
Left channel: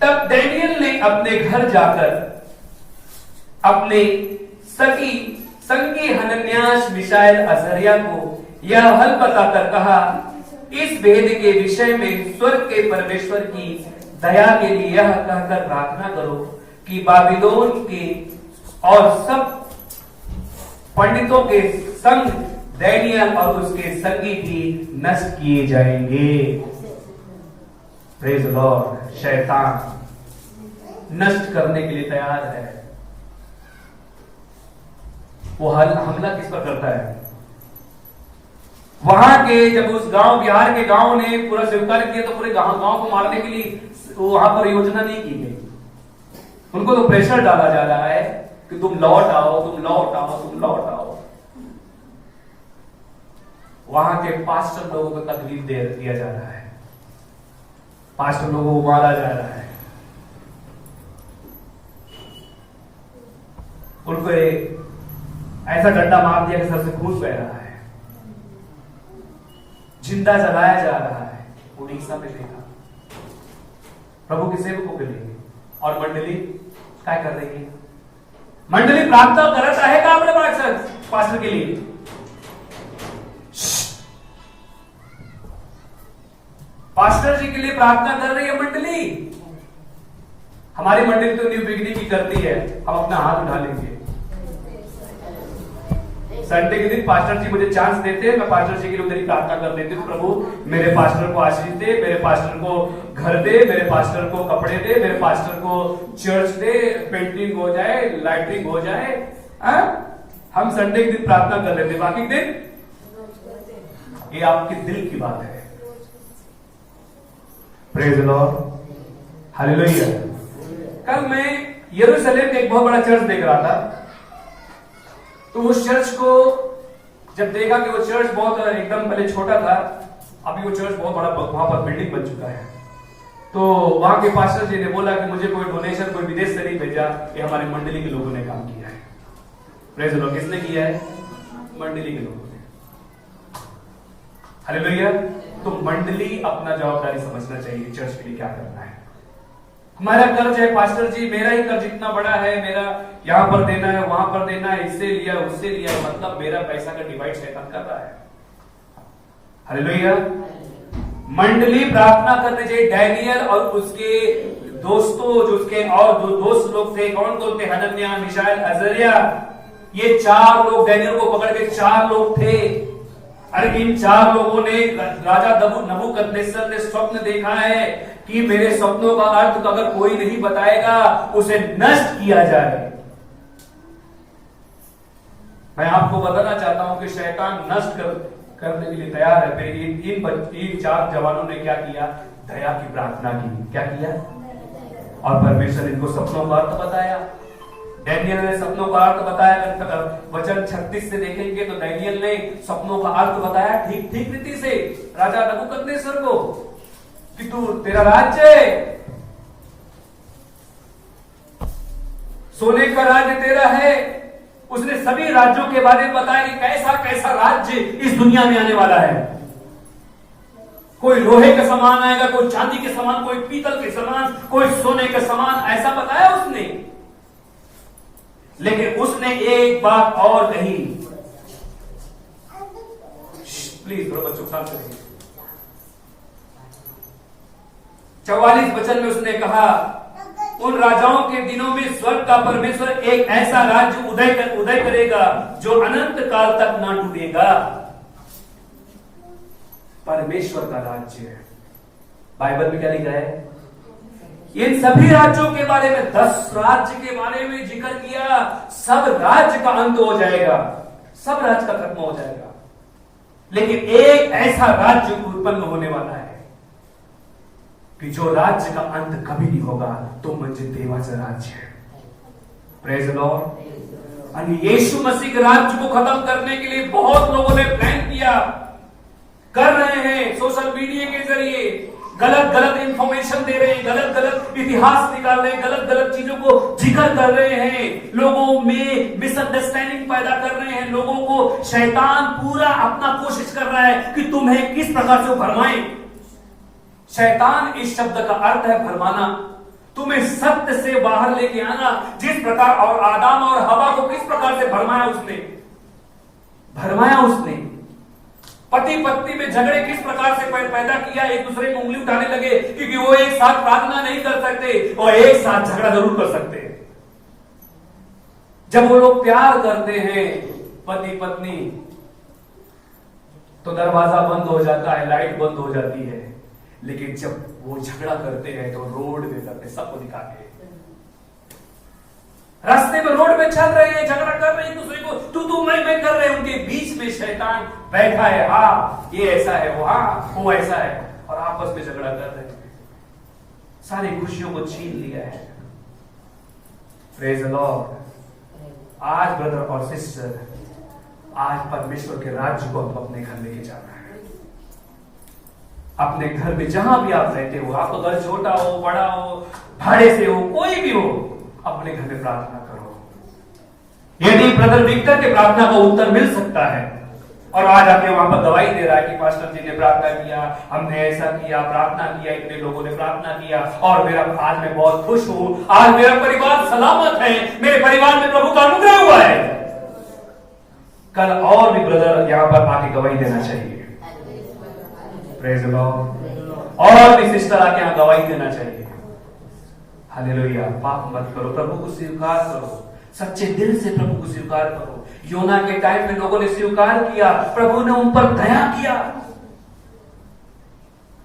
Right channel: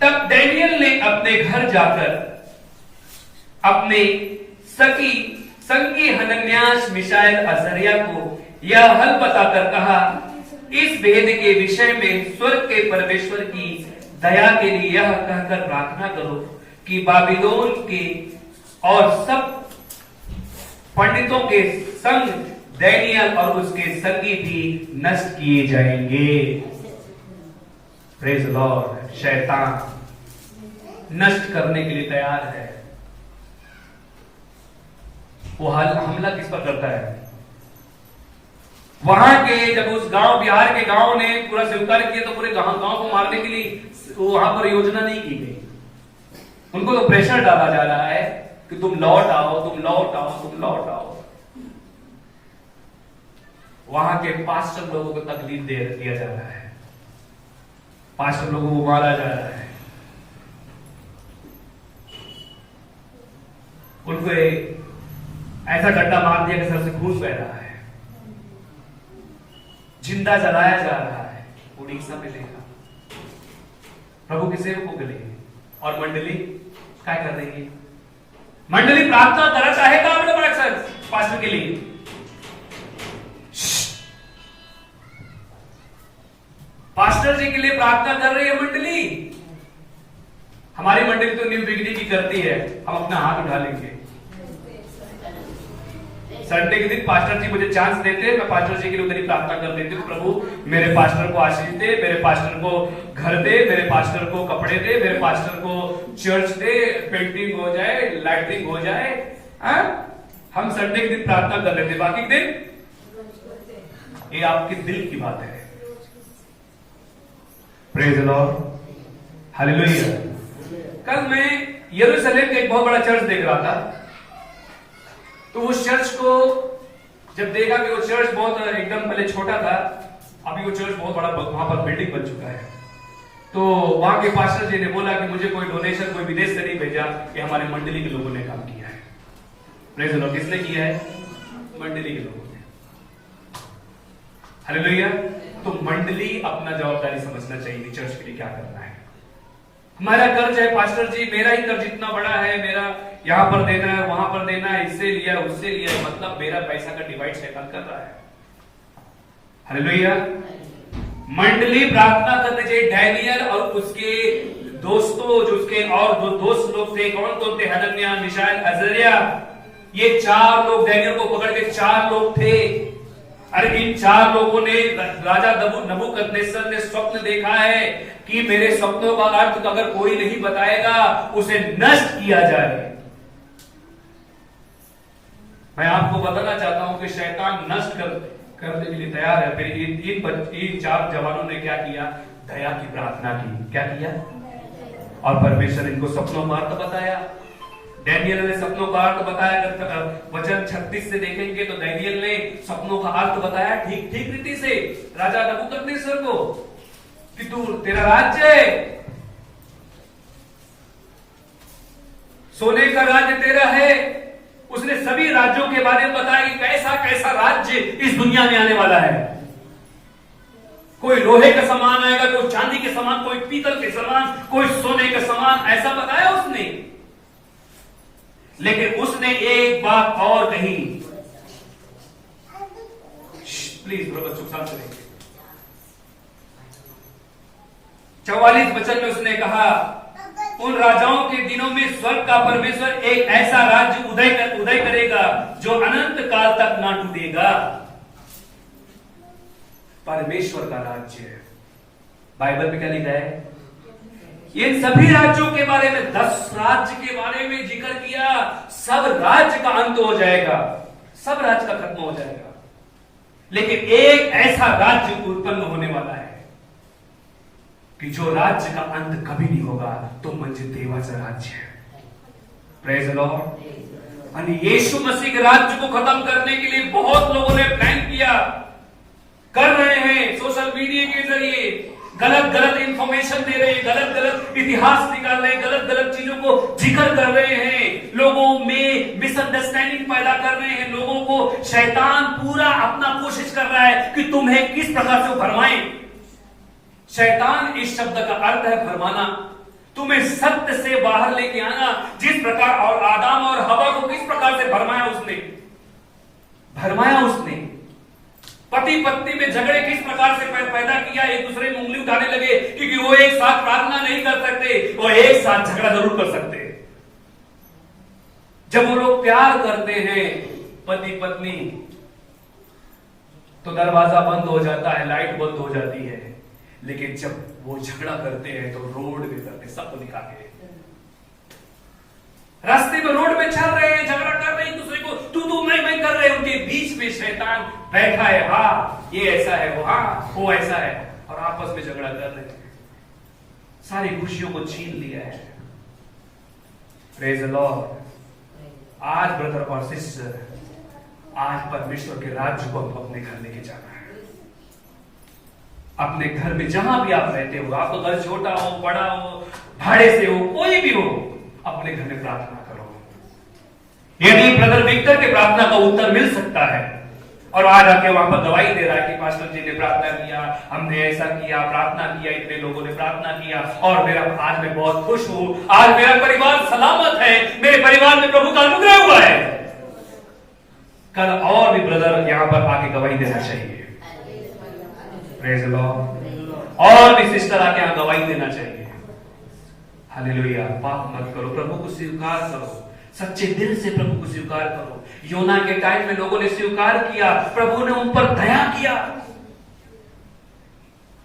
तब डैनियल ने अपने घर जाकर अपने संगी हनन्यास मिशाएल अजरिया को यह हल बताकर कहा, इस भेद के विषय में स्वर्ग के परमेश्वर की दया के लिए यह कहकर प्रार्थना करो कि बाबिलोन के और सब पंडितों के संग डैनियल और उसके संगी भी नष्ट किए जाएंगे। Praise Lord. शैतान नष्ट करने के लिए तैयार है। वो हमला किस पर करता है? वहां के जब उस गांव, बिहार के गांव ने पूरा स्वीकार किया तो पूरे गांव को मारने के लिए वहां पर योजना नहीं की गई। उनको तो प्रेशर डाला जा रहा है कि तुम लौट आओ, तुम लौट आओ, तुम लौट आओ। वहां के पास्टर लोगों को तकलीफ दिया जा रहा है, पास्टर लोगों को मारा जा रहा है। उनको ऐसा गड्ढा मार दिया कि सर से खून बह रहा है, जिंदा जलाया जा रहा है। उड़ीसा में देखा प्रभु के सेवकों के लिए। और मंडली क्या कर रही है? मंडली प्रार्थना करना चाहेगा अपने पास्टर के लिए। पास्टर जी के लिए प्रार्थना कर रही है मंडली। हमारी मंडली तो न्यू बिगनिंग की करती है, हम अपना हाथ उठा लेंगे। संडे के दिन पास्टर जी मुझे चांस देते, मैं पास्टर जी के लिए उधर ही प्रार्थना कर देती हूँ, प्रभु मेरे पास्टर को आशीष दे, मेरे पास्टर को घर दे, मेरे पास्टर को कपड़े दे, मेरे पास्टर को चर्च दे, पेंटिंग हो जाए, लाइटिंग हो जाए। हम संडे के दिन प्रार्थना कर लेते, बाकी दिन ये आपके दिल की बात है। Praise the Lord, hallelujah. कल मैं यरूशलेम का एक बहुत बड़ा चर्च देख रहा था, तो उस चर्च को जब देखा कि वो चर्च बहुत एकदम पहले छोटा था, अभी वो चर्च बहुत बड़ा, वहां पर बिल्डिंग बन चुका है। तो वहां के पास्टर जी ने बोला कि मुझे कोई डोनेशन कोई विदेश से नहीं भेजा, ये हमारे मंडली के लोगों ने काम किया है। Praise the Lord. किसने किया है? मंडली के लोगों ने। हालेलुया। तो मंडली अपना जवाबदारी समझना चाहिए कि चर्च के लिए क्या करना है। हमारा कर्ज है पास्टर जी, मेरा ही कर्ज इतना बड़ा है, मेरा यहां पर देना है, वहां पर देना है, इससे लिया उससे लिया, मतलब मेरा पैसा का डिवाइड शैतान कर रहा है। हालेलुया। मंडली प्रार्थना करनी चाहिए। डैनियल और उसके दोस्तों, जो उसके और दोस्त लोग थे, कौन कौन थे? हनन्याह, मिशाएल, अजरिया। ये 4 लोग डैनियल को पकड़ के 4 लोग थे। अरे इन 4 लोगों ने राजा नबूकदनेस्सर ने स्वप्न देखा है कि मेरे स्वप्नों का अर्थ तो अगर कोई नहीं बताएगा उसे नष्ट किया जाए। मैं आपको बताना चाहता हूं कि शैतान नष्ट करने के लिए तैयार है। फिर इन 4 जवानों ने क्या किया? दया की प्रार्थना की। क्या किया? और परमेश्वर इनको सपनों का अर्थ बताया। डैनियल ने सपनों का अर्थ बताया। वचन 36 से देखेंगे तो डैनियल ने सपनों का अर्थ बताया ठीक रीति से राजा नबूकदनेस्सर को कि तू, तेरा राज्य सोने का राज्य तेरा है। उसने सभी राज्यों के बारे में बताया कि कैसा कैसा राज्य इस दुनिया में आने वाला है। कोई लोहे का सामान आएगा, कोई चांदी के समान, कोई पीतल के समान, कोई सोने का समान, ऐसा बताया उसने। लेकिन उसने एक बात और कही। प्लीज बच्चों शांत रहिए। 44 वचन में उसने कहा, उन राजाओं के दिनों में स्वर्ग का परमेश्वर एक ऐसा राज्य उदय करेगा जो अनंत काल तक ना टूटेगा। परमेश्वर का राज्य है। बाइबल में क्या लिखा है? इन सभी राज्यों के बारे में, 10 राज्य के बारे में जिक्र किया। सब राज्य का अंत हो जाएगा, सब राज्य का खत्म हो जाएगा, लेकिन एक ऐसा राज्य उत्पन्न होने वाला है कि जो राज्य का अंत कभी नहीं होगा, तो म्हणजे देवाचा राज्य है। Praise the Lord. यानी यीशु मसीह के राज्य को खत्म करने के लिए बहुत लोगों ने प्लान किया, कर रहे हैं। सोशल मीडिया के जरिए गलत इंफॉर्मेशन दे रहे हैं, गलत इतिहास निकाल रहे हैं, गलत चीजों को जिक्र कर रहे हैं, लोगों में मिसअंडरस्टैंडिंग पैदा कर रहे हैं। लोगों को शैतान पूरा अपना कोशिश कर रहा है कि तुम्हें किस प्रकार से भरमाए। शैतान इस शब्द का अर्थ है भरमाना, तुम्हें सत्य से बाहर लेके आना। जिस प्रकार और आदम और हवा को किस प्रकार से भरमाया उसने, पति पत्नी में झगड़े किस प्रकार से पैदा किया, एक दूसरे में उंगली उठाने लगे, क्योंकि वो एक साथ प्रार्थना नहीं कर सकते और एक साथ झगड़ा जरूर कर सकते हैं। जब वो लोग प्यार करते हैं पति पत्नी, तो दरवाजा बंद हो जाता है, लाइट बंद हो जाती है, लेकिन जब वो झगड़ा करते हैं तो रोड में करते हैं, सबको दिखा के। रास्ते में, रोड में चल रहे हैं, झगड़ा कर रहे हैं, एक दूसरे को तू मैं कर रहे हैं, उनके बीच में शैतान बैठा है। हाँ ये ऐसा है, वो ऐसा है, और आपस में झगड़ा कर रहे हैं, सारी खुशियों को छीन लिया है। Praise the Lord. आज ब्रदर और सिस्टर, आज परमेश्वर के राज्य को हम अपने घर लेके जाना है। अपने घर में जहां भी आप रहते हो, आपका घर छोटा हो, बड़ा हो, भाड़े से हो, कोई भी हो, अपने घर में प्रार्थना करो। यदि ब्रदर विक्टर के प्रार्थना का उत्तर मिल सकता है, और आज आके वहां पर गवाही दे रहा है कि पास्टर जी ने प्रार्थना किया, हमने ऐसा किया, प्रार्थना किया, इतने लोगों ने प्रार्थना किया, और मेरा आज मैं बहुत खुश हूं, आज मेरा परिवार सलामत है, मेरे परिवार में प्रभु का अनुग्रह हुआ है। कल और भी ब्रदर यहां पर आके गवाही देना चाहिए। Praise the Lord. और भी सिस्टर आके यहां गवाही देना चाहिए। हालेलुया। पाप मत करो, प्रभु को स्वीकार करो, सच्चे दिल से प्रभु को स्वीकार करो। योना के टाइम में लोगों ने स्वीकार किया, प्रभु ने उन पर दया किया,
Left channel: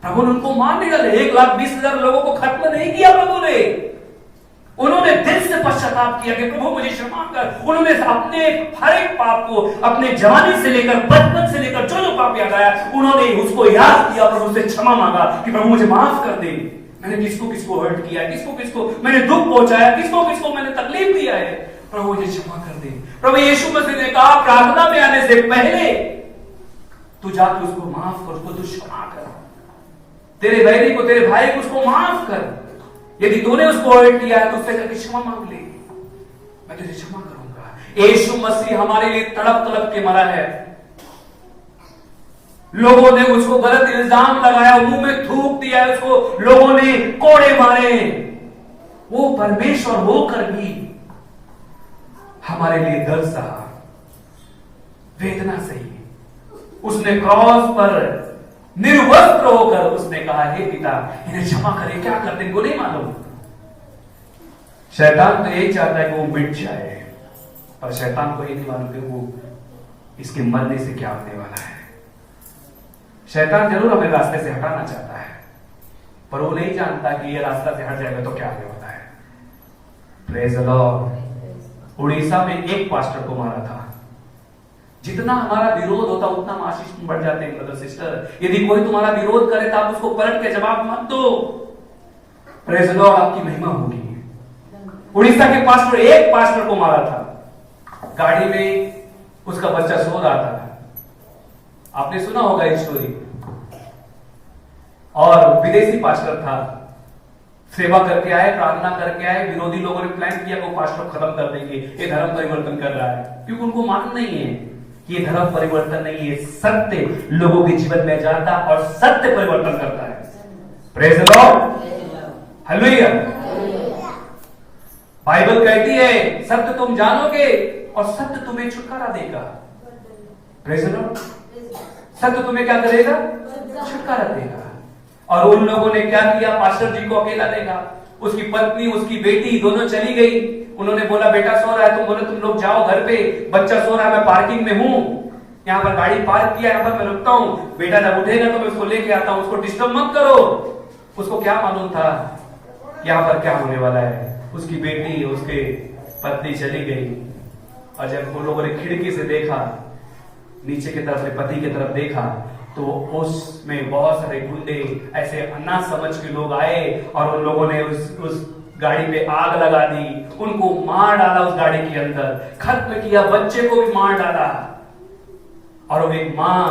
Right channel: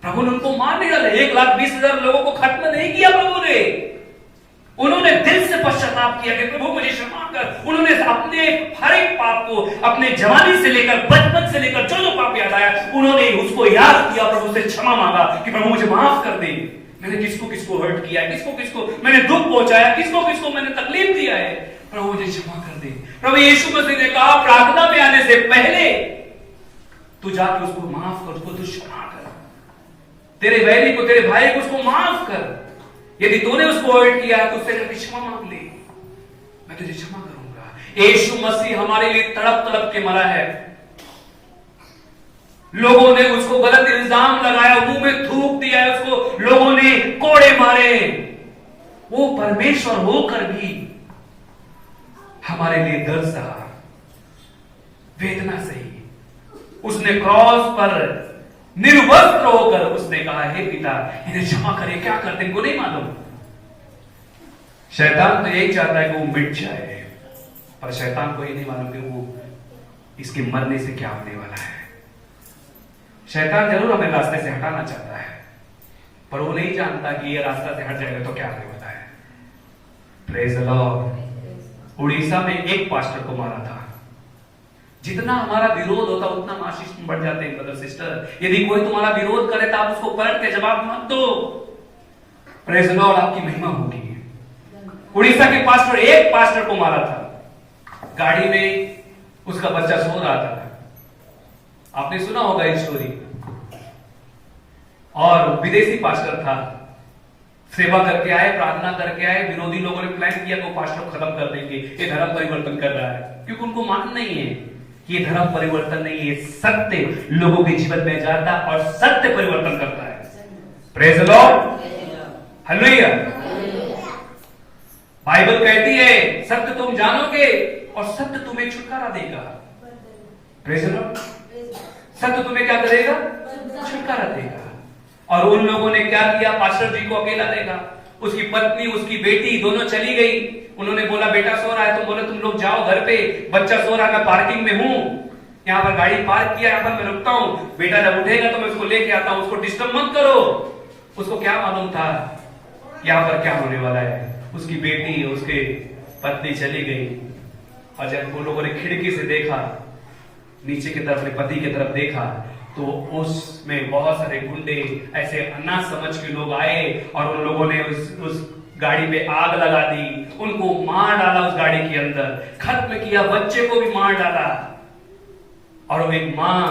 प्रभु ने उनको मार नहीं डाले। 1,20,000 लोगों को खत्म नहीं किया प्रभु ने। उन्होंने दिल से पश्चाताप किया कि प्रभु मुझे क्षमा कर। उन्होंने अपने हर एक पाप को, अपने जवानी से लेकर, बचपन से लेकर जो जो पाप याद आया, उन्होंने उसको याद किया, प्रभु से क्षमा मांगा कि प्रभु मुझे माफ कर दे। मैंने किसको किसको हर्ट किया, किसको किसको मैंने दुख पहुंचाया, किसको किसको मैंने तकलीफ दिया है, प्रभु मुझे क्षमा कर दे। प्रभु यीशु मसीह ने कहा प्रार्थना में आने से पहले तू जाके उसको माफ कर, उसको तू क्षमा कर, तेरे बैरी को, तेरे भाई को उसको माफ कर। यदि तूने उसको हर्ट किया है तो उससे जाके क्षमा मांग ले, मैं तुझे क्षमा करूंगा। यीशु मसीह हमारे लिए तड़प तड़प के मरा है। लोगों ने उसको गलत इल्जाम लगाया, मुंह में थूक दिया है उसको, लोगों ने कोड़े मारे, वो परमेश्वर होकर भी हमारे लिए दर्द सहा, वेदना सही। उसने क्रॉस पर निर्वस्त्र होकर उसने कहा, हे पिता इन्हें क्षमा करे, क्या करते इनको नहीं मालूम। शैतान तो यही चाहता है कि वो मिट जाए, पर शैतान को ये नहीं मालूम कि वो इसके मरने से क्या होने वाला है। शैतान जरूर हमें रास्ते से हटाना चाहता है, पर वो नहीं जानता कि ये रास्ता से हट जाएगा तो क्या होने वाला है। Praise the Lord. उड़ीसा में एक पास्टर को मारा था। जितना हमारा विरोध होता उतना हम आशीष में बढ़ जाते हैं ब्रदर सिस्टर। यदि कोई तुम्हारा विरोध करे तो आप उसको पलट के जवाब मत दो। प्रेज द लॉर्ड, आपकी महिमा होगी। उड़ीसा के पास्टर, एक पास्टर को मारा था। गाड़ी में उसका बच्चा सो रहा था, आपने सुना होगा ये स्टोरी। और विदेशी पास्टर था, सेवा करके आए, प्रार्थना करके आए। विरोधी लोगों ने प्लान किया वो पास्टर खत्म कर देंगे, ये धर्म परिवर्तन कर रहा है, क्योंकि उनको मालूम नहीं है कि ये धर्म परिवर्तन नहीं है, सत्य लोगों के जीवन में जाता और सत्य परिवर्तन करता है। Praise the Lord, hallelujah. Bible कहती है सत्य तुम जानोगे और सत्य तुम्हें छुटकारा देगा। Praise the Lord. सत्य तुम्हें क्या करेगा? छुटकारा देगा। और उन लोगों ने क्या किया? पास्टर जी को अकेला देखा, उसकी पत्नी, उसकी बेटी दोनों चली गई। उन्होंने बोला बेटा सो रहा है, तुम बोले तुम लोग जाओ घर पे, बच्चा सो रहा है, मैं पार्किंग में हूं। यहां पर गाड़ी पार्क किया, यहां पर मैं रुकता हूं, बेटा जब उठेगा तो मैं उसको लेके आता हूं, उसको डिस्टर्ब मत करो। उसको क्या मालूम था यहां पर क्या होने वाला है। उसकी बेटी, उसके पत्नी चली गई, और जब उन लोगों ने खिड़की से देखा, नीचे की तरफ, अपने पति की तरफ देखा, तो उसमें बहुत सारे गुंडे, ऐसे अन्ना समझ के लोग आए और उन लोगों ने उस गाड़ी पे आग लगा दी, उनको मार डाला, उस गाड़ी के अंदर खत्म किया, बच्चे को भी मार डाला। और वो एक मां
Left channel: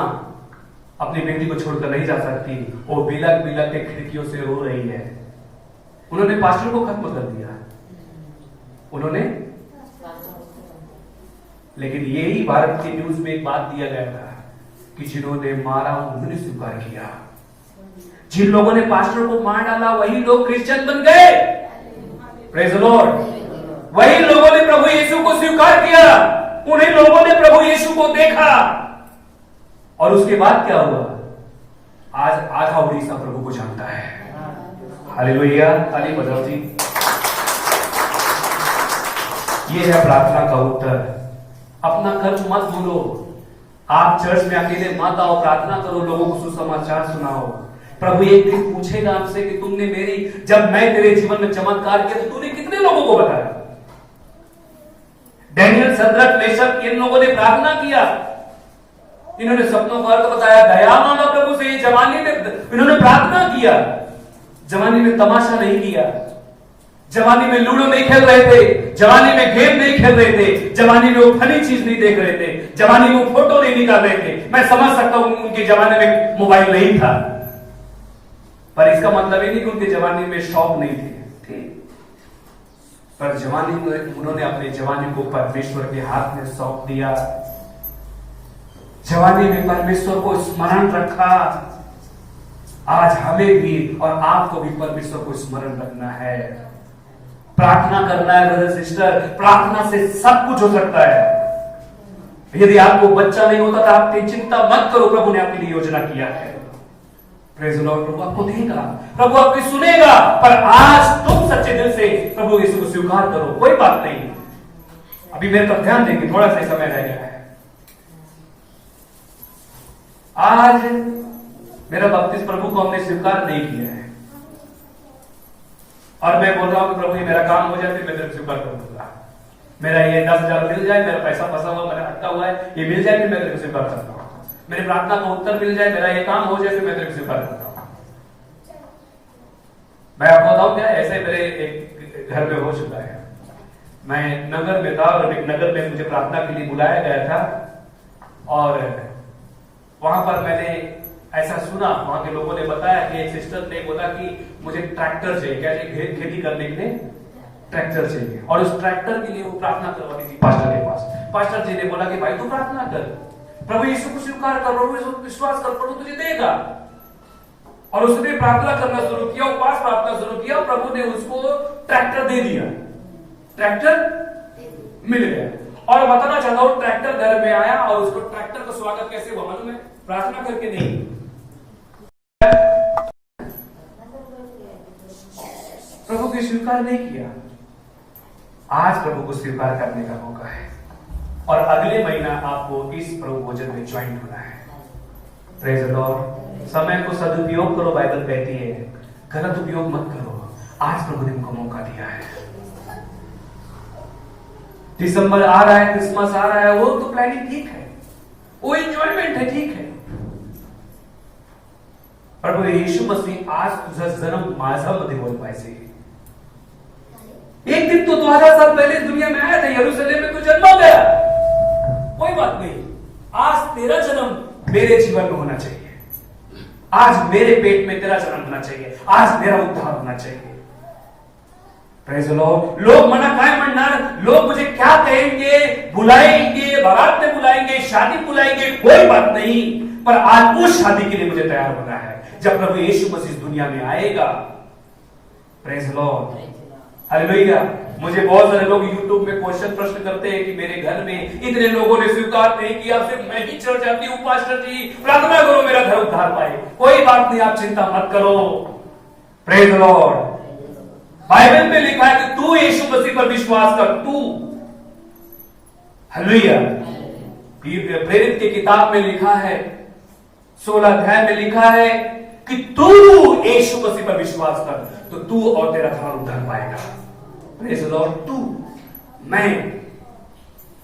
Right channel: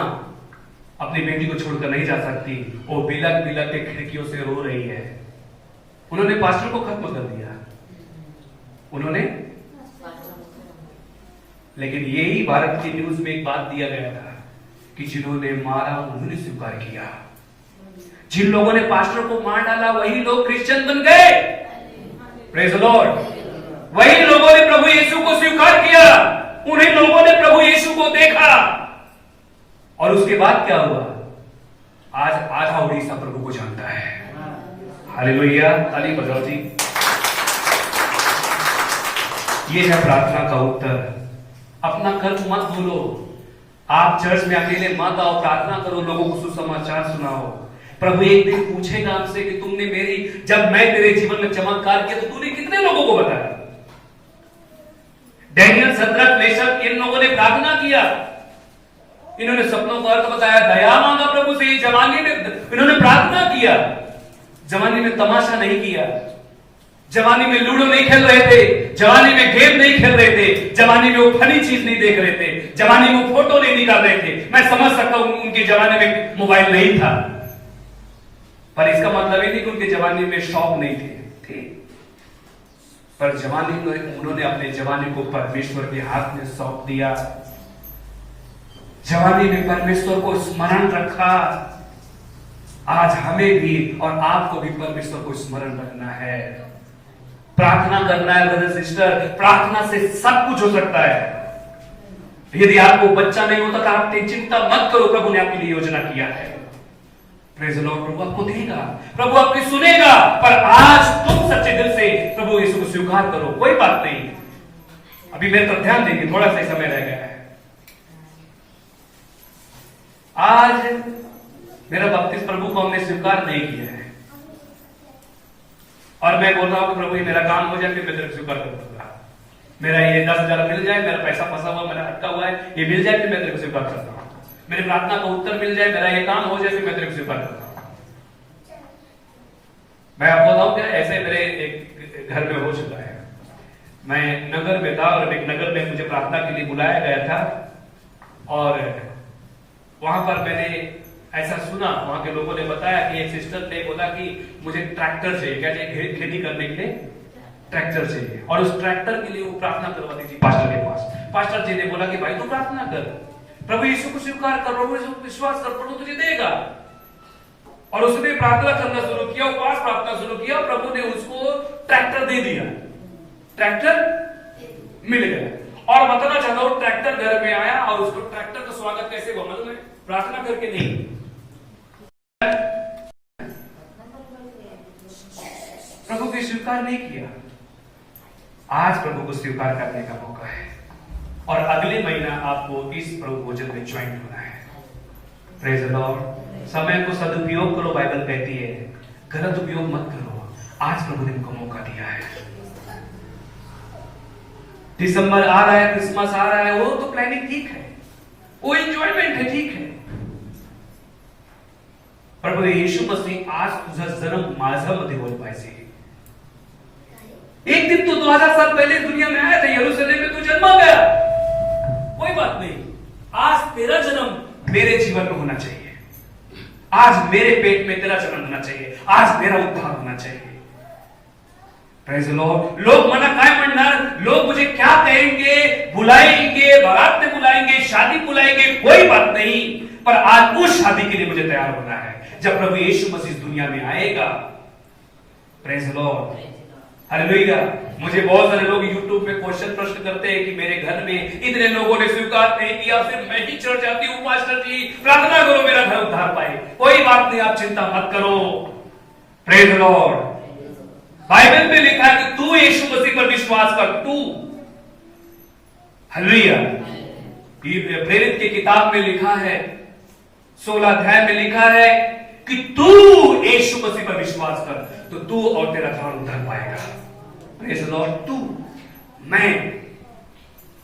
अपनी बेटी को छोड़कर नहीं जा सकती, वो बिलक बिलक के खिड़कियों से रो रही है। उन्होंने पास्टर को खत्म कर दिया, उन्होंने, लेकिन यही भारत की न्यूज में एक बात दिया गया था कि जिन्होंने मारा उन्होंने स्वीकार किया। जिन लोगों ने पास्टर को मार डाला वही लोग क्रिश्चियन बन गए। Praise the Lord. वही लोगों ने प्रभु यीशु को स्वीकार किया, उन्हीं लोगों ने प्रभु यीशु को देखा। और उसके बाद क्या हुआ? आज आधा उड़ीसा प्रभु को जानता है। हालेलुया, ताली बजाओ जी। ये है प्रार्थना का उत्तर। अपना कर्ज मत भूलो। आप चर्च में अकेले मत आओ, प्रार्थना करो, लोगों को सुसमाचार सुनाओ। प्रभु एक दिन पूछेगा हमसे कि तुमने जब मैं तेरे जीवन में चमत्कार किया तो तूने कितने लोगों को बताया? डैनियल, शद्रक, मेशक, इन लोगों ने प्रार्थना किया, इन्होंने सपनों का अर्थ बताया, दया मांगा प्रभु से। जवानी में इन्होंने प्रार्थना किया, जवानी में तमाशा नहीं किया, जवानी में लूडो नहीं खेल रहे थे, जवानी में गेम नहीं खेल रहे थे, जवानी में वो फनी चीज नहीं देख रहे थे, जवानी में वो फोटो नहीं निकाल रहे थे। मैं समझ सकता हूं उनके जमाने में मोबाइल नहीं था, पर इसका मतलब ही नहीं कि उनके जवानी में शौक नहीं थे। पर जवानी में उन्होंने अपने जवानी को परमेश्वर के हाथ में सौंप दिया। जवानी में परमेश्वर को स्मरण रखा। आज हमें भी और आपको भी परमेश्वर को स्मरण रखना है, प्रार्थना करना है। ब्रदर सिस्टर, प्रार्थना से सब कुछ हो सकता है। यदि आपको बच्चा नहीं होता तो आप चिंता मत करो, प्रभु ने आपके लिए योजना किया है। Praise the Lord. प्रभु आपको देगा, प्रभु आपकी सुनेगा। पर आज तुम सच्चे दिल से प्रभु यीशु को स्वीकार करो, कोई बात नहीं। अभी मेरे तरफ ध्यान देंगे, थोड़ा सा समय रह गया है। आज मेरा बपतिस्मा प्रभु को हमने स्वीकार नहीं किया है, और मैं बोल रहा हूं कि प्रभु ये मेरा काम हो जाए फिर मैं तेरे को स्वीकार कर दूंगा। मेरा ये 10,000 मिल जाए, मेरा पैसा फंसा हुआ, मेरा अटका हुआ है, ये मिल जाए फिर मैं तेरे को स्वीकार करता हूं। मेरी प्रार्थना का उत्तर मिल जाए, मेरा ये काम हो जाए फिर मैं तेरे को स्वीकार करता हूं। मैं आपको बताऊं क्या, ऐसे मेरे एक घर में हो चुका है। मैं नगर में था और एक नगर में मुझे प्रार्थना के लिए बुलाया गया था, और वहां पर मैंने ऐसा सुना, वहां के लोगों ने बताया कि एक सिस्टर ने बोला कि मुझे ट्रैक्टर चाहिए, क्या चाहिए? खेती करने के लिए ट्रैक्टर चाहिए, और उस ट्रैक्टर के लिए वो प्रार्थना करवाती थी पास्टर के पास। पास्टर जी ने बोला कि भाई तू प्रार्थना कर, प्रभु यीशु को स्वीकार कर, प्रभु यीशु को विश्वास कर, प्रभु तुझे देगा। और उसने प्रार्थना करना शुरू किया, उपवास प्रार्थना शुरू किया, प्रभु ने उसको ट्रैक्टर दे दिया, ट्रैक्टर मिल गया। और बताना चाहता हूं, ट्रैक्टर घर में आया और उसको ट्रैक्टर का स्वागत कैसे हुआ मालूम है? प्रार्थना करके नहीं, प्रभु को स्वीकार नहीं किया। आज प्रभु को स्वीकार करने का मौका है, और अगले महीना आपको इस प्रभु भोजन में ज्वाइन होना है। Praise the Lord. समय को सदुपयोग करो, बाइबल कहती है, गलत उपयोग मत करो। आज प्रभु ने हमको मौका दिया है। दिसंबर आ रहा है, क्रिसमस आ रहा है, वो तो प्लानिंग ठीक है, वो एंजॉयमेंट है, ठीक है। प्रभू यीशु मसीह आज तुझा जन्म माझ्यामध्ये बोल पाहिजे। एक दिन तो 2000 साल पहले दुनिया में आया था, यरूशलेम में तू जन्मा गया, कोई बात नहीं। आज तेरा जन्म मेरे जीवन में होना चाहिए, आज मेरे पेट में तेरा जन्म होना चाहिए, आज मेरा उद्धार होना चाहिए। Praise the Lord. लोग मना काय म्हणणार, लोग मुझे क्या कहेंगे, बुलाएंगे, बारात में बुलाएंगे, शादी बुलाएंगे, कोई बात नहीं। पर आज उस शादी के लिए मुझे तैयार होना है जब प्रभु यीशु मसीह दुनिया में आएगा। Praise the Lord, hallelujah. मुझे बहुत सारे लोग यूट्यूब में क्वेश्चन प्रश्न करते हैं कि मेरे घर में इतने लोगों ने स्वीकार नहीं किया, फिर मैं ही चढ़ जाती हूँ, पास्टर जी प्रार्थना करो मेरा घर उद्धार पाए। कोई बात नहीं, आप चिंता मत करो। Praise the Lord. बाइबल में लिखा है कि तू यीशु मसीह पर विश्वास कर, तू, हालेलुया, प्रेरित की किताब में लिखा है, 16 अध्याय में लिखा है कि तू यीशु मसीह पर विश्वास कर तो तू और तेरा घर उतर पाएगा। Praise the Lord. तू, मैं,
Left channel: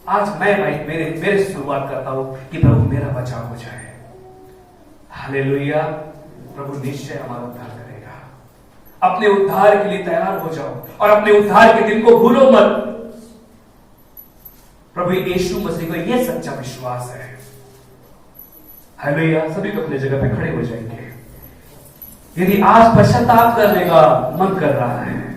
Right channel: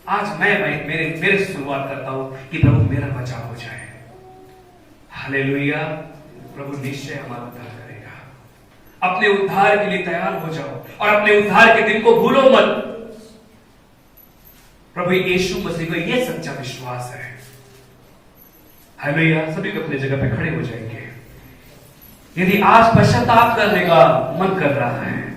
आज मैं मेरे शुरुआत करता हूं कि प्रभु मेरा बचाव हो जाए। हालेलुया। प्रभु निश्चय हमारा उद्धार करेगा। अपने उद्धार के लिए तैयार हो जाओ और अपने उद्धार के दिन को भूलो मत। प्रभु यीशु मसीह का यह सच्चा विश्वास है। हालेलुया। सभी को अपनी जगह पे खड़े हो जाएंगे। यदि आज पश्चाताप करने का मन कर रहा है,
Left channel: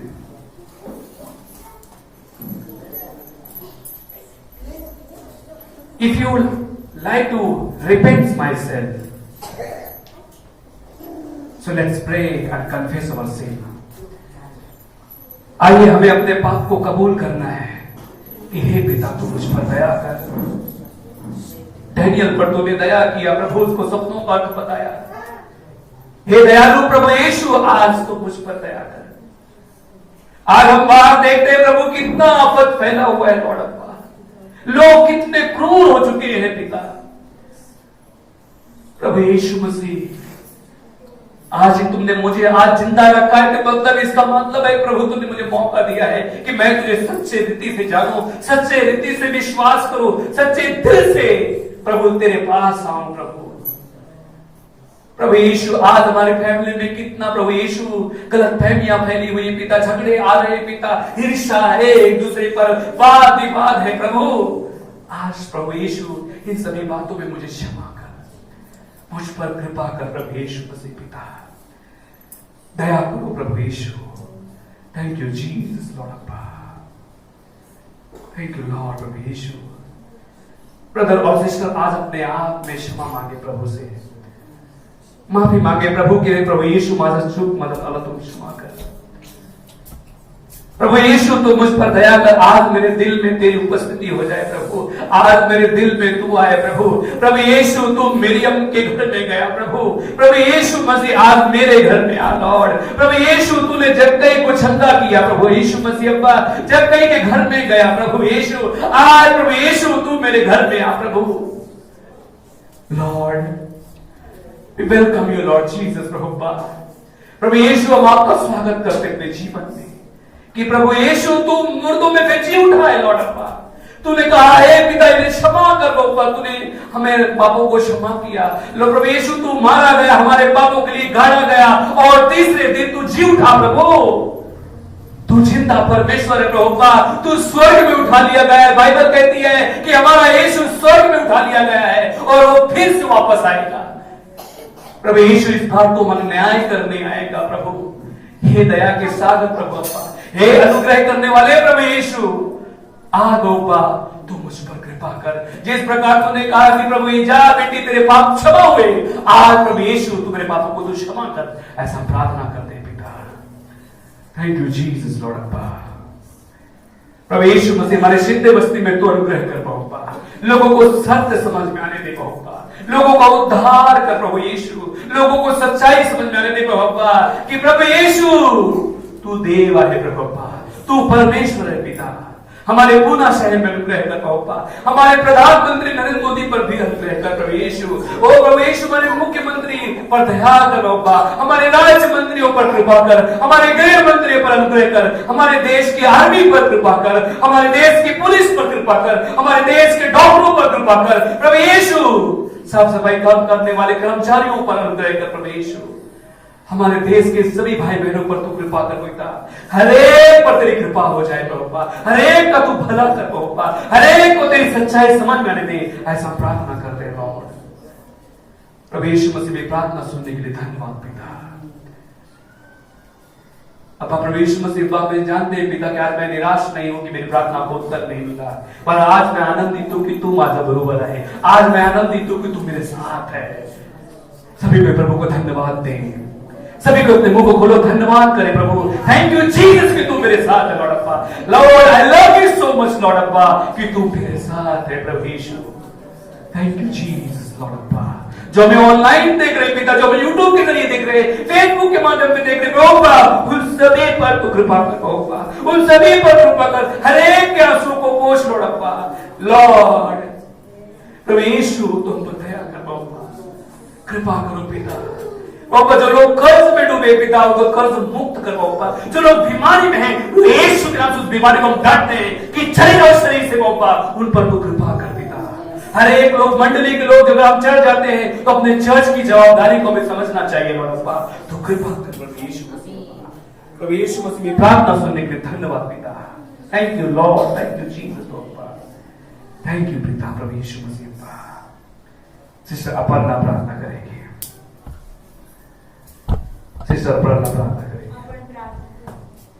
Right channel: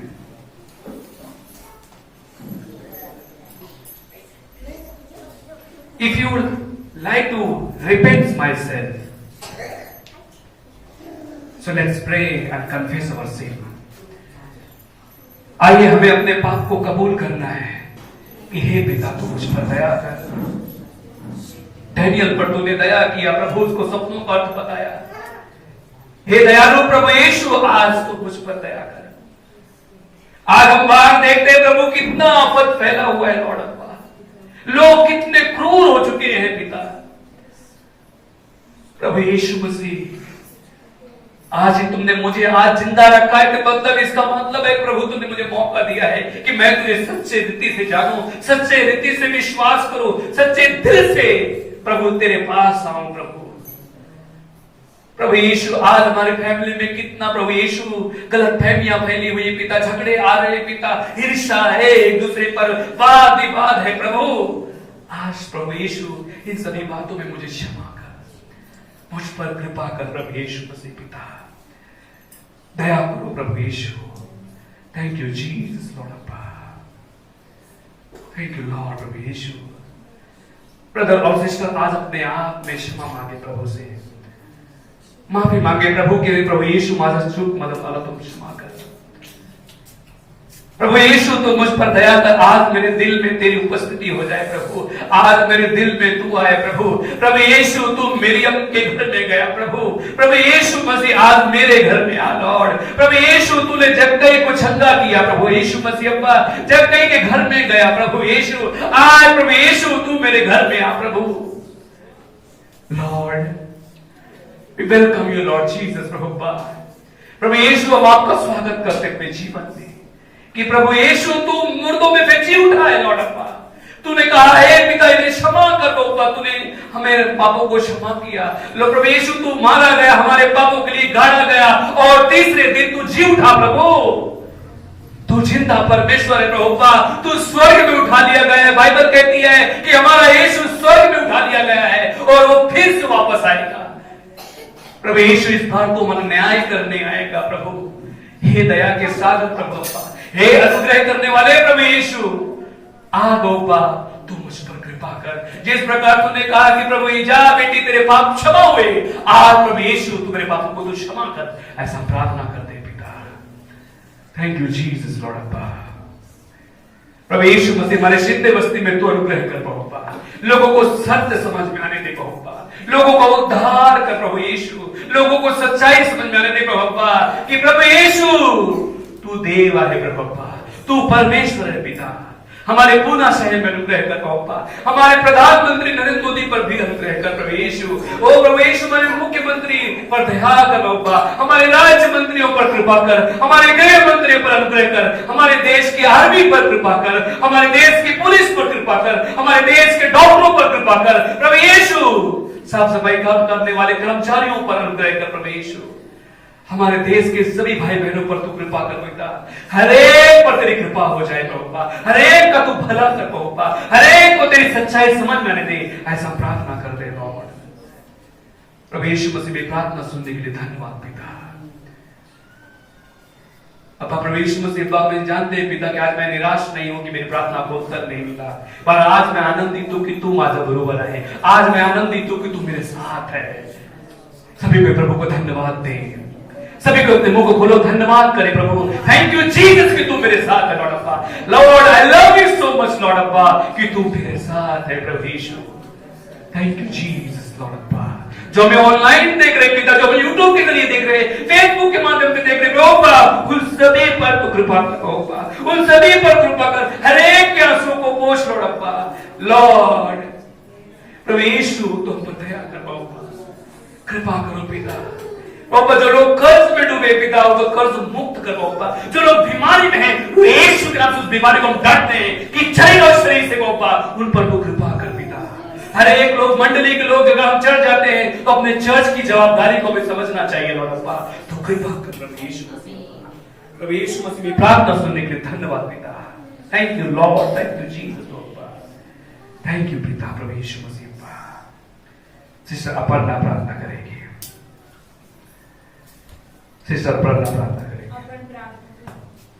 if you would like to repent myself, so let's pray and confess our sin. आइए हमें अपने पाप को कबूल करना है कि हे पिता तू मुझ पर दया कर। डैनियल पर तूने दया किया, प्रभु उसको सपनों का अर्थ बताया। हे दयालु प्रभु यीशु, आज तो मुझ पर दया कर। आज हम बाहर देखते हैं प्रभु कितना आफत फैला हुआ है लॉर्ड अब्बा, लोग कितने क्रूर हो चुके हैं पिता। प्रभु यीशु मसीह, आज ही तुमने मुझे आज जिंदा रखा है, मतलब इसका मतलब है प्रभु तुमने मुझे मौका दिया है कि मैं तुझे सच्चे रीति से जागूं, सच्चे रीति से विश्वास करूं, सच्चे दिल से प्रभु तेरे पास आऊं। प्रभु यीशु, आज हमारे फैमिली में कितना प्रभु यीशु गलत फहमियां फैली हुई पिता, झगड़े आ रहे पिता, हिर्षा है, एक दूसरे पर वाद विवाद है प्रभु। आज प्रभु यीशु इन सभी बातों में मुझे क्षमा कर, मुझ पर कृपा कर प्रभु यीशु मसीह पिता, दया करो प्रभु यीशु। थैंक यू जीसस लॉर्ड अब्बा, थैंक यू लॉर्ड प्रभु यीशु। ब्रदर और सिस्टर, आज अपने आप में क्षमा मांगे प्रभु से, माफी मांगे प्रभु के लिए। प्रभु यीशु माझा चूक मला तू क्षमा कर। प्रभु यीशु तू मुझ पर दया कर। आज मेरे दिल में तेरी उपस्थिति हो जाए प्रभु, आज मेरे दिल में तू आए प्रभु। प्रभु यीशु तू मरियम के घर में गया प्रभु, प्रभु यीशु मसीह आज मेरे घर में आ लॉर्ड। प्रभु यीशु तूने जक्कई को छंदा किया प्रभु यीशु मसीह अब्बा, जक्कई के घर में गया प्रभु यीशु, आज प्रभु यीशु तू मेरे घर में आ प्रभु। Lord We welcome you Lord Jesus प्रभु यीशु, हम आपका स्वागत करते अपने जीवन में कि प्रभु यीशु तू मुर्दों में से जी उठा है लॉर्ड अब्बा। तूने कहा है पिता इन्हें क्षमा कर बउआ, तूने हमें पापों को क्षमा किया। लो प्रभु यीशु तू मारा गया, हमारे पापों के लिए गाड़ा गया और तीसरे दिन तू जी उठा प्रभु। तू जिंदा परमेश्वर है प्रभु, तू स्वर्ग में उठा लिया गया है। बाइबल कहती है कि हमारा यीशु स्वर्ग में उठा लिया गया है और वो फिर से वापस आएगा। प्रभु यीशु इस बार तो मन न्याय करने आएगा प्रभु। हे दया के सागर प्रभु, हे अनुग्रह करने वाले प्रभु यीशु, आ गौपा तू मुझ पर कृपा कर। जिस प्रकार तूने कहा कि प्रभु जा बेटी तेरे पाप क्षमा हुए, आज प्रभु यीशु तू मेरे पापों को तू क्षमा कर, ऐसा प्रार्थना करते पिता। थैंक यू जीसस लॉर्ड अब्बा। प्रभु यीशु मसीह हमारे सिद्धे बस्ती में तू अनुग्रह कर पाऊंगा, लोगों को सत्य समझ में आने दे पाऊंगा, लोगों का उद्धार कर प्रभु यीशु, लोगों को सच्चाई समझ में आने दे प्रभु कि प्रभु यीशु तू देव है प्रभु, तू परमेश्वर है पिता। हमारे पूना शहर में अनुग्रह कर प्रभु, हमारे प्रधानमंत्री नरेंद्र मोदी पर भी अनुग्रह कर प्रभु यीशु। ओ प्रभु यीशु, हमारे मुख्यमंत्री पर दया कर प्रभु, हमारे राज्य मंत्रियों पर कृपा कर, हमारे गृह मंत्रियों पर अनुग्रह कर, हमारे देश की आर्मी पर कृपा कर, हमारे देश की पुलिस पर कृपा कर, हमारे देश के डॉक्टरों पर कृपा कर प्रभु यीशु। साफ सफाई काम करने वाले कर्मचारियों पर अनुग्रह कर प्रभु यीशु। हमारे देश के सभी भाई बहनों पर तू कृपा कर बेटा, हरेक पर तेरी कृपा हो जाए प्रभु, हरेक का तू भला कर प्रभु, हरेक को तेरी सच्चाई समझ में आने दे, ऐसा प्रार्थना करते हैं लॉर्ड। प्रभु यीशु मसीह में प्रार्थना सुनने के लिए धन्यवाद पिता। अब प्रभु यीशु मसीह में जानते हैं पिता कि आज मैं निराश नहीं हूं कि मेरी प्रार्थना को उत्तर नहीं मिला, पर आज मैं आनंदित हूं कि तू माझा बरोबर है। आज मैं आनंदित हूं कि तू मेरे साथ है। सभी में प्रभु को धन्यवाद दें, सभी को अपने मुंह को खोलो, धन्यवाद करें प्रभु। थैंक यू जीसस कि तू मेरे साथ है लॉर्ड अब्बा। Lord I love you so much Lord अब्बा कि तू मेरे साथ है प्रभु यीशु। थैंक यू जीसस लॉर्ड अब्बा। जो हमें ऑनलाइन देख रहे पिता, जो हमें यूट्यूब के जरिए देख रहे, फेसबुक के माध्यम से देख रहे प्रभु, उन सभी पर तू कृपा कर प्रभु, उन सभी पर कृपा कर, हर एक के आंसुओं को पोंछ लॉर्ड अब्बा। लॉर्ड प्रभु यीशु तुम पर दया कर बाबा, कृपा करो पिता। बाबा जो लोग कर्ज में डूबे पिता उनको कर्ज मुक्त कर बाबा, जो लोग बीमारी में हैं यीशु के नाम से उस बीमारी को हम डरते हैं कि चले और शरीर से बाबा, उन पर तो कृपा कर पिता। हर एक लोग मंडली के लोग अगर हम चढ़ जाते हैं तो अपने चर्च की जवाबदारी को भी समझना चाहिए लॉर्ड अब्बा, तो कृपा कर प्रभु यीशु मसीह। प्रभु यीशु मसीह में प्रार्थना सुनने के लिए धन्यवाद पिता। Thank you Lord, thank you Jesus अब्बा, थैंक यू पिता प्रभु यीशु मसीह अब्बा। सिस्टर अपर्णा प्रार्थना करेगी, सिस्टर अपर्णा प्रार्थना करेगी। आपण प्रार्थना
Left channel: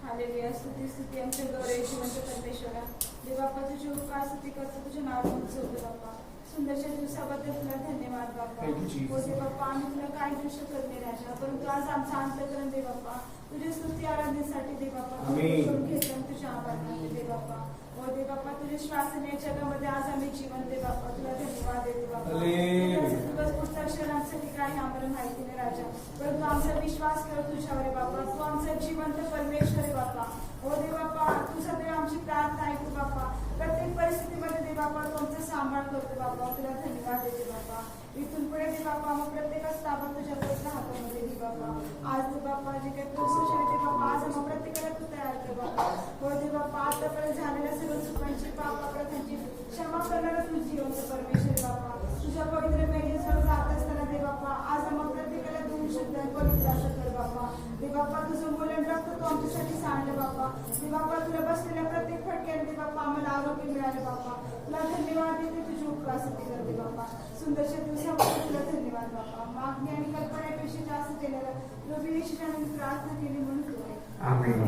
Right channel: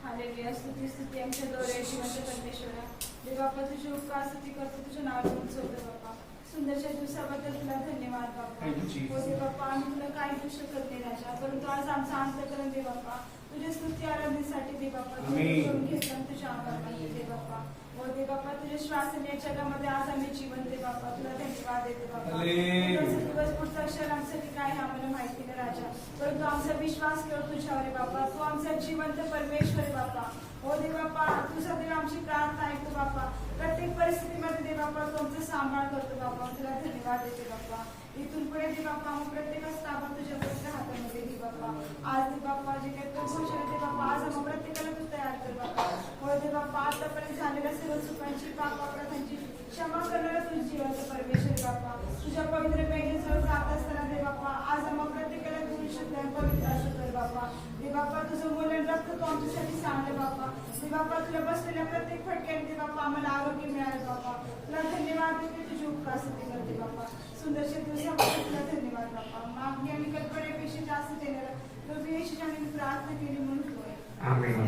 हालेलुया, स्तुती स्तुती आमच्या गौरव जिवंत परमेश्वरा, देवा बाप्पा तुझे उपकार स्तुती करतो, तुझे नाव उंचवतो बाप्पा। सुंदरशा दिवसाबद्दल तुला धन्यवाद बाप्पा। हो दे बाप्पा, आम्ही तुला काही देऊ शकत नाही राजा, परंतु आज आमचा अंतःकरण दे बाप्पा तुझे स्तुती आराधनेसाठी दे बाप्पा, घेतलं तुझ्या आभार मानतो दे बाप्पा। हो दे बाप्पा, तुझे श्वासन या जगामध्ये आज आम्ही जीवन दे बाप्पा, तुला धन्यवाद देतो बाप्पा। दिवस पुढचा क्षण आमच्यासाठी काय आम्हाला माहिती नाही राजा, परंतु आमचा विश्वास कर तुझ्यावर आहे बाप्पा, तू आमचा जिवंत परमेश्वर आहे बाप्पा। हो दे बाप्पा, तुझा देव आमची प्रार्थना ऐकू बाप्पा, प्रत्येक परिस्थितीमध्ये दे बाप्पा तू आमचा सांभाळ करतो बाप्पा, तुला धन्यवाद देतो बाप्पा। इथून पुढे दे बाप्पा मग प्रत्येकाच ताबा तुझ्या पवित्र हातामध्ये दे बाप्पा। आज दे बाप्पा जे काही प्रभूषण आहे ते बाप्पा आज आम्हा प्रत्येकाला तू तयार कर बाप्पा। हो दे बाप्पा, आतापर्यंत झालेल्या सर्व चुकांची पाप अपराधांची क्षमा करणारा तू जिवंत परमेश्वर बाप्पा, तुझ्या पवित्र बँकेजवळ जात असताना दे बाप्पा आज आम्हा प्रत्येकाला दोन शुद्ध आणि पवित्र असं कर बाप्पा। दे बाप्पा तुझं मूल्य रक्त तू आमच्यासाठी सांगलं बाप्पा। दे बाप्पा तुला बसलेल्या प्रत्येक फटक्याने दे बाप्पा आम्हाला आरोग्य मिळालं बाप्पा, तुला धन्यवाद देते, तुझी उपकार स्तुती करते बाप्पा। सुंदरशा दिवसाबद्दल तुला धन्यवाद बाप्पा। मागणी आणि कल्पनेपेक्षा जास्त देणारं प्रभू येशूच्या नावाने प्रार्थना केली म्हणून तू आहे। आमीन।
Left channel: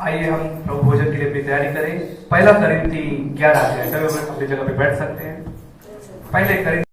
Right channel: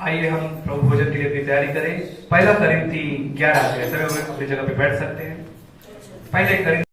आइए हम प्रभु भोजन के लिए अपनी तैयारी करें। पहला करिंथी 11 अध्याय, सभी हम अपनी जगह पे बैठ सकते हैं। पहले करिंथी